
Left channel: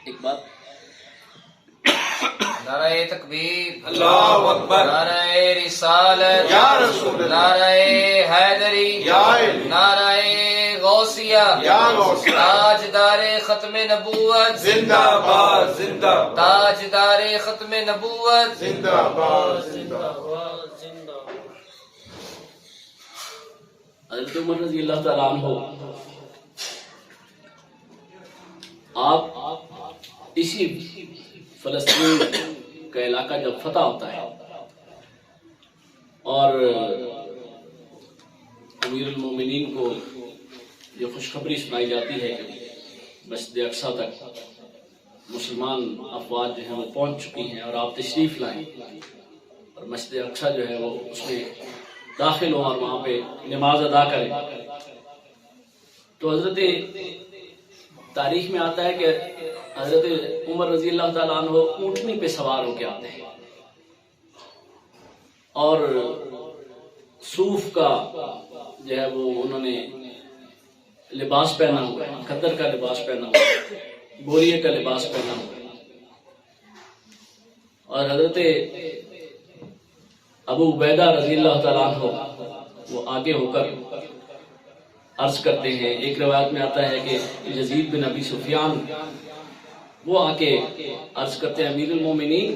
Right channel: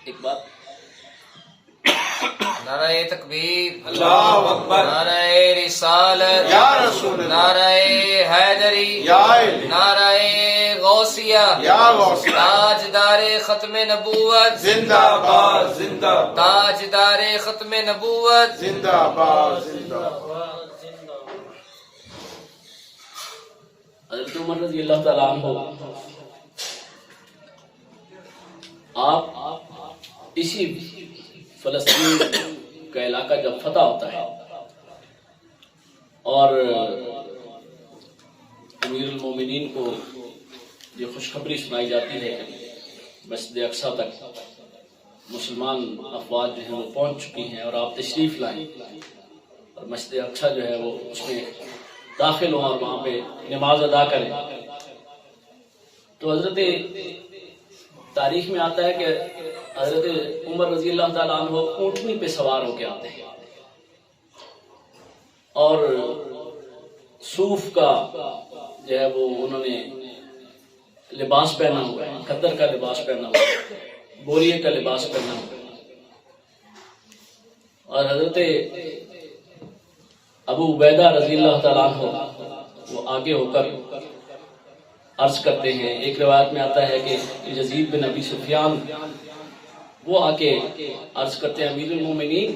ایک بات، نعرہ تکبیر، اللہ اکبر، نعرہ رسالت، یا رسول اللہ، نعرہ حیدری، یا علی، نعرہ غوثیہ، یا غوثیہ، تاجدار ختم نبوت، زندہ باد، زندہ باد، تاجدار ختم نبوت، زندہ باد، زندہ باد۔ حضرت عمر رضی اللہ تعالیٰ عنہ، آپ اسی فلسطین کا علاقہ جب فتح ہوتا ہے اور امیر المومنین کو یہ خوشخبری سنائی جاتی ہے کہ مسجد اقصیٰ تک مسلمان افواج جو ہیں وہ پہنچ چکی ہیں اور آپ تشریف لائیں اور مسجد اقصیٰ جو ہے وہ اس میں داخل ہوں اور وہاں پہ نماز ادا کریں، تو حضرت تاریخ میں آتا ہے کہ حضرت عمر رضی اللہ تعالیٰ عنہ اونٹنی پہ سوار ہو کے آتے ہیں اور صوف کا جو ہے وہ انہوں نے لباس پہنا ہوا ہے، خدر کا لباس پہنا ہوا ہے، بوریے کا لباس پہنا ہوا ہے، اور حضرت ابو عبیدہ رضی اللہ تعالیٰ عنہ وہ آگے ہو کر عرض کرتے ہیں۔ ایک روایت میں آتا ہے کہ یزید بن ابی سفیان وہ آ کے عرض کرتے ہیں، امیر المومنین،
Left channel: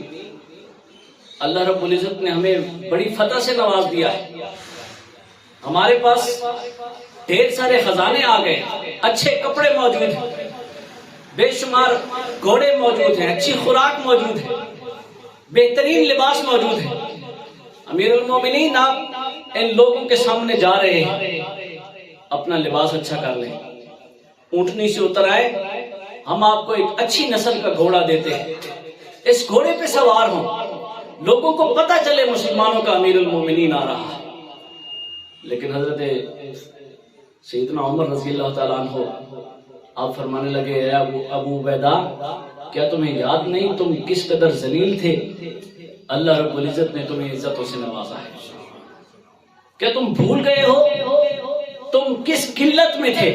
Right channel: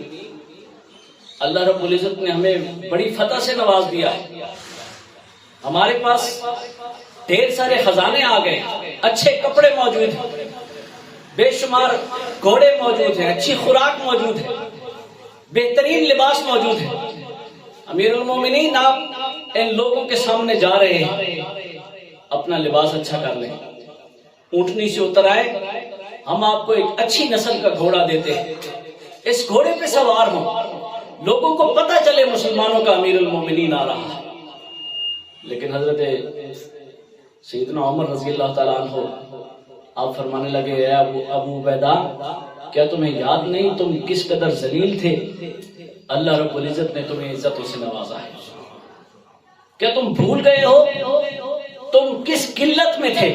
اللہ رب العزت نے ہمیں بڑی فتح سے نواز دیا ہے، ہمارے پاس ڈھیر سارے خزانے آ گئے، اچھے کپڑے موجود ہیں، بے شمار گھوڑے موجود ہیں، اچھی خوراک موجود ہے، بہترین لباس موجود ہے۔ امیر المومنین، آپ ان لوگوں کے سامنے جا رہے ہیں، اپنا لباس اچھا کر لیں، اونٹنی سے اتر آئے، ہم آپ کو ایک اچھی نسل کا گھوڑا دیتے ہیں، اس گھوڑے پہ سوار ہوں، لوگوں کو پتہ چلے مسلمانوں کا امیر المومنین آ رہا ہے۔ لیکن حضرت سیدنا عمر رضی اللہ تعالیٰ عنہ آپ فرمانے لگے، اے ابو عبیدہ، کیا تمہیں یاد نہیں تم کس قدر ذلیل تھے، اللہ رب العزت نے تمہیں عزتوں سے نوازا ہے، کیا تم بھول گئے ہو تم کس قلت میں تھے،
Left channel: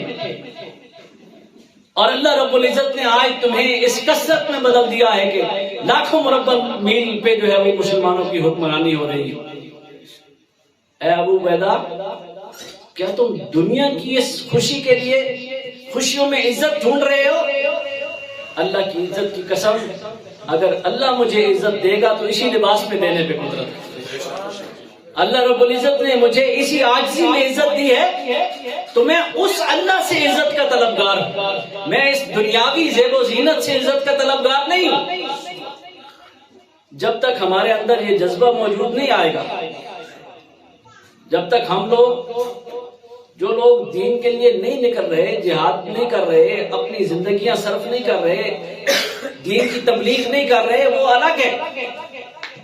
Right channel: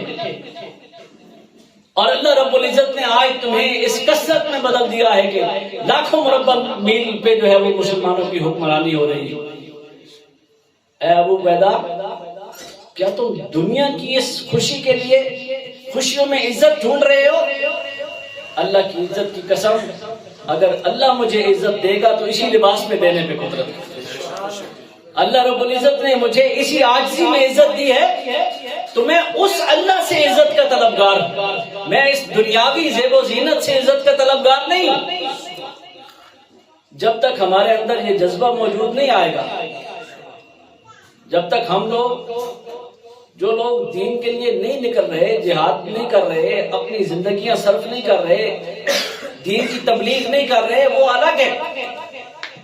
اور اللہ رب العزت نے آج تمہیں اس کثرت میں بدل دیا ہے کہ لاکھوں مربع میل پہ جو ہے وہ مسلمانوں کی حکمرانی ہو رہی ہے۔ اے ابو عبیدہ، کیا تم دنیا کی اس خوشی کے لیے خوشیوں میں عزت ڈھونڈ رہے ہو؟ اللہ کی عزت کی قسم، اگر اللہ مجھے عزت دے گا تو اسی لباس میں دینے پہ قدرت ہے۔ اللہ رب العزت نے مجھے اسی عاجزی میں عزت دی ہے تو میں اس اللہ سے عزت کا طلبگار ہوں، میں اس دنیاوی زیب و زینت سے عزت کا طلبگار نہیں ہوں۔ جب تک ہمارے اندر یہ جذبہ موجود نہیں آئے گا، جب تک ہم لوگ جو لوگ دین کے لیے نہیں نکل رہے، جہاد نہیں کر رہے، اپنی زندگیاں صرف نہیں کر رہے، دین کی تبلیغ نہیں کر رہے، وہ الگ ہے،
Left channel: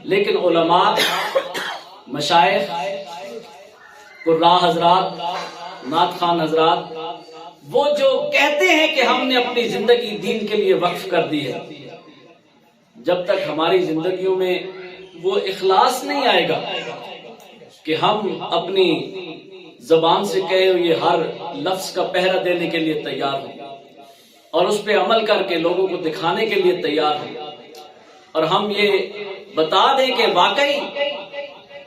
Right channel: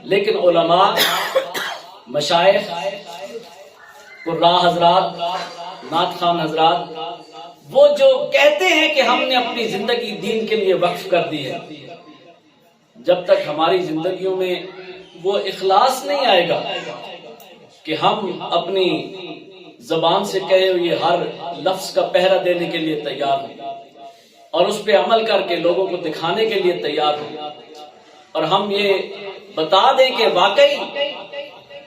لیکن علماء، مشائخ، قراء حضرات، نعت خوان حضرات، وہ جو کہتے ہیں کہ ہم نے اپنی زندگی دین کے لیے وقف کر دی ہے، جب تک ہماری زندگیوں میں وہ اخلاص نہیں آئے گا کہ ہم اپنی زبان سے کہے ہوئے ہر لفظ کا پہرا دینے کے لیے تیار ہوں اور اس پہ عمل کر کے لوگوں کو دکھانے کے لیے تیار ہوں، اور ہم یہ بتا دیں کہ واقعی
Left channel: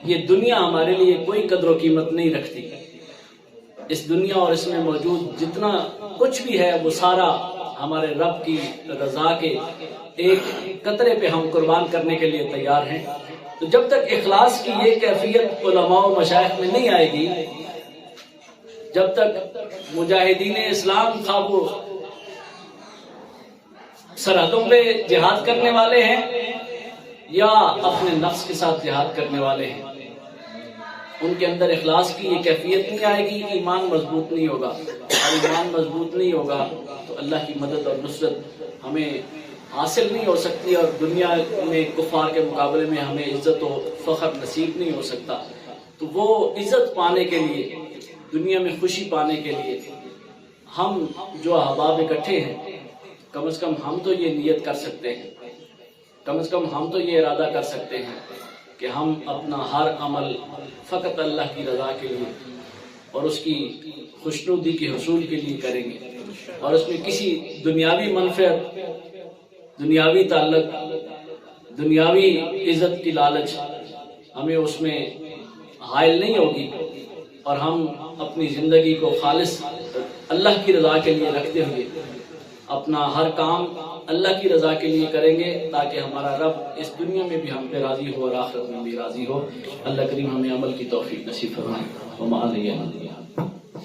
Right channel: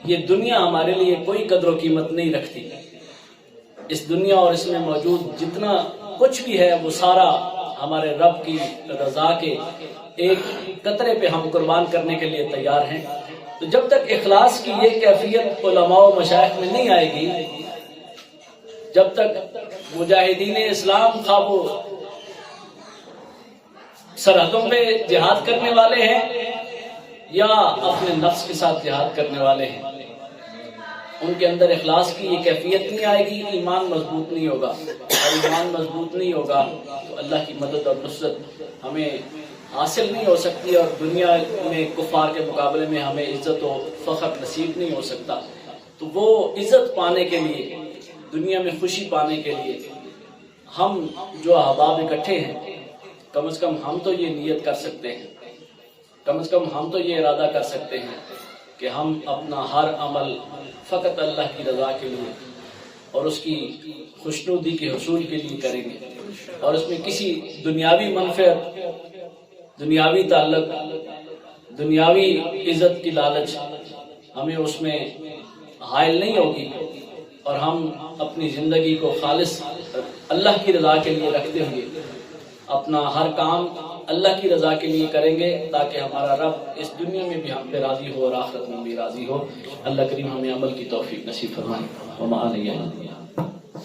یہ دنیا ہمارے لیے کوئی قدر و قیمت نہیں رکھتی. اس دنیا اور اس میں موجود جتنا کچھ بھی ہے وہ سارا ہمارے رب کی رضا کے ایک قطرے پہ ہم قربان کرنے کے لیے تیار ہیں. تو جب تک اخلاص کی یہ کیفیت علماء و مشائخ میں نہیں آئے گی، جب تک مجاہدین اسلام خواہ وہ سرحدوں پہ جہاد کرنے والے ہیں یا اپنے نفس کے ساتھ جہاد کرنے والے ہیں، ان کے اندر اخلاص کی یہ کیفیت نہیں آئے گی، ایمان مضبوط نہیں ہوگا، اور ایمان مضبوط نہیں ہوگا تو اللہ کی مدد اور نصرت ہمیں حاصل نہیں ہو سکتی، اور دنیا میں کفار کے مقابلے میں ہمیں عزت و فخر نصیب نہیں ہو سکتا. تو وہ عزت پانے کے لیے، دنیا میں خوشی پانے کے لیے ہم جو احباب اکٹھے ہیں، کم از کم ہم تو یہ نیت کر سکتے ہیں، کم از کم ہم تو یہ ارادہ کر سکتے ہیں کہ ہم اپنا ہر عمل فقط اللہ کی رضا کے لیے اور اس کی خوشنودی کے حصول کے لیے کریں گے، اور اس میں کسی دنیاوی منفعت، دنیاوی تعلق، دنیاوی عزت کی لالچ ہمیں اس میں حائل نہیں ہوگی، اور ہم اپنی زندگی کو خالص اللہ کی رضا کے لیے رکھتے ہوئے اپنا ہر کام اللہ کی رضا کے لیے کریں گے، تاکہ ہمارا رب اس دنیا میں بھی ہم پہ راضی ہو اور آخرت میں بھی راضی ہو. اللہ کریم ہمیں عمل کی توفیق نصیب فرمائے. وما علیہ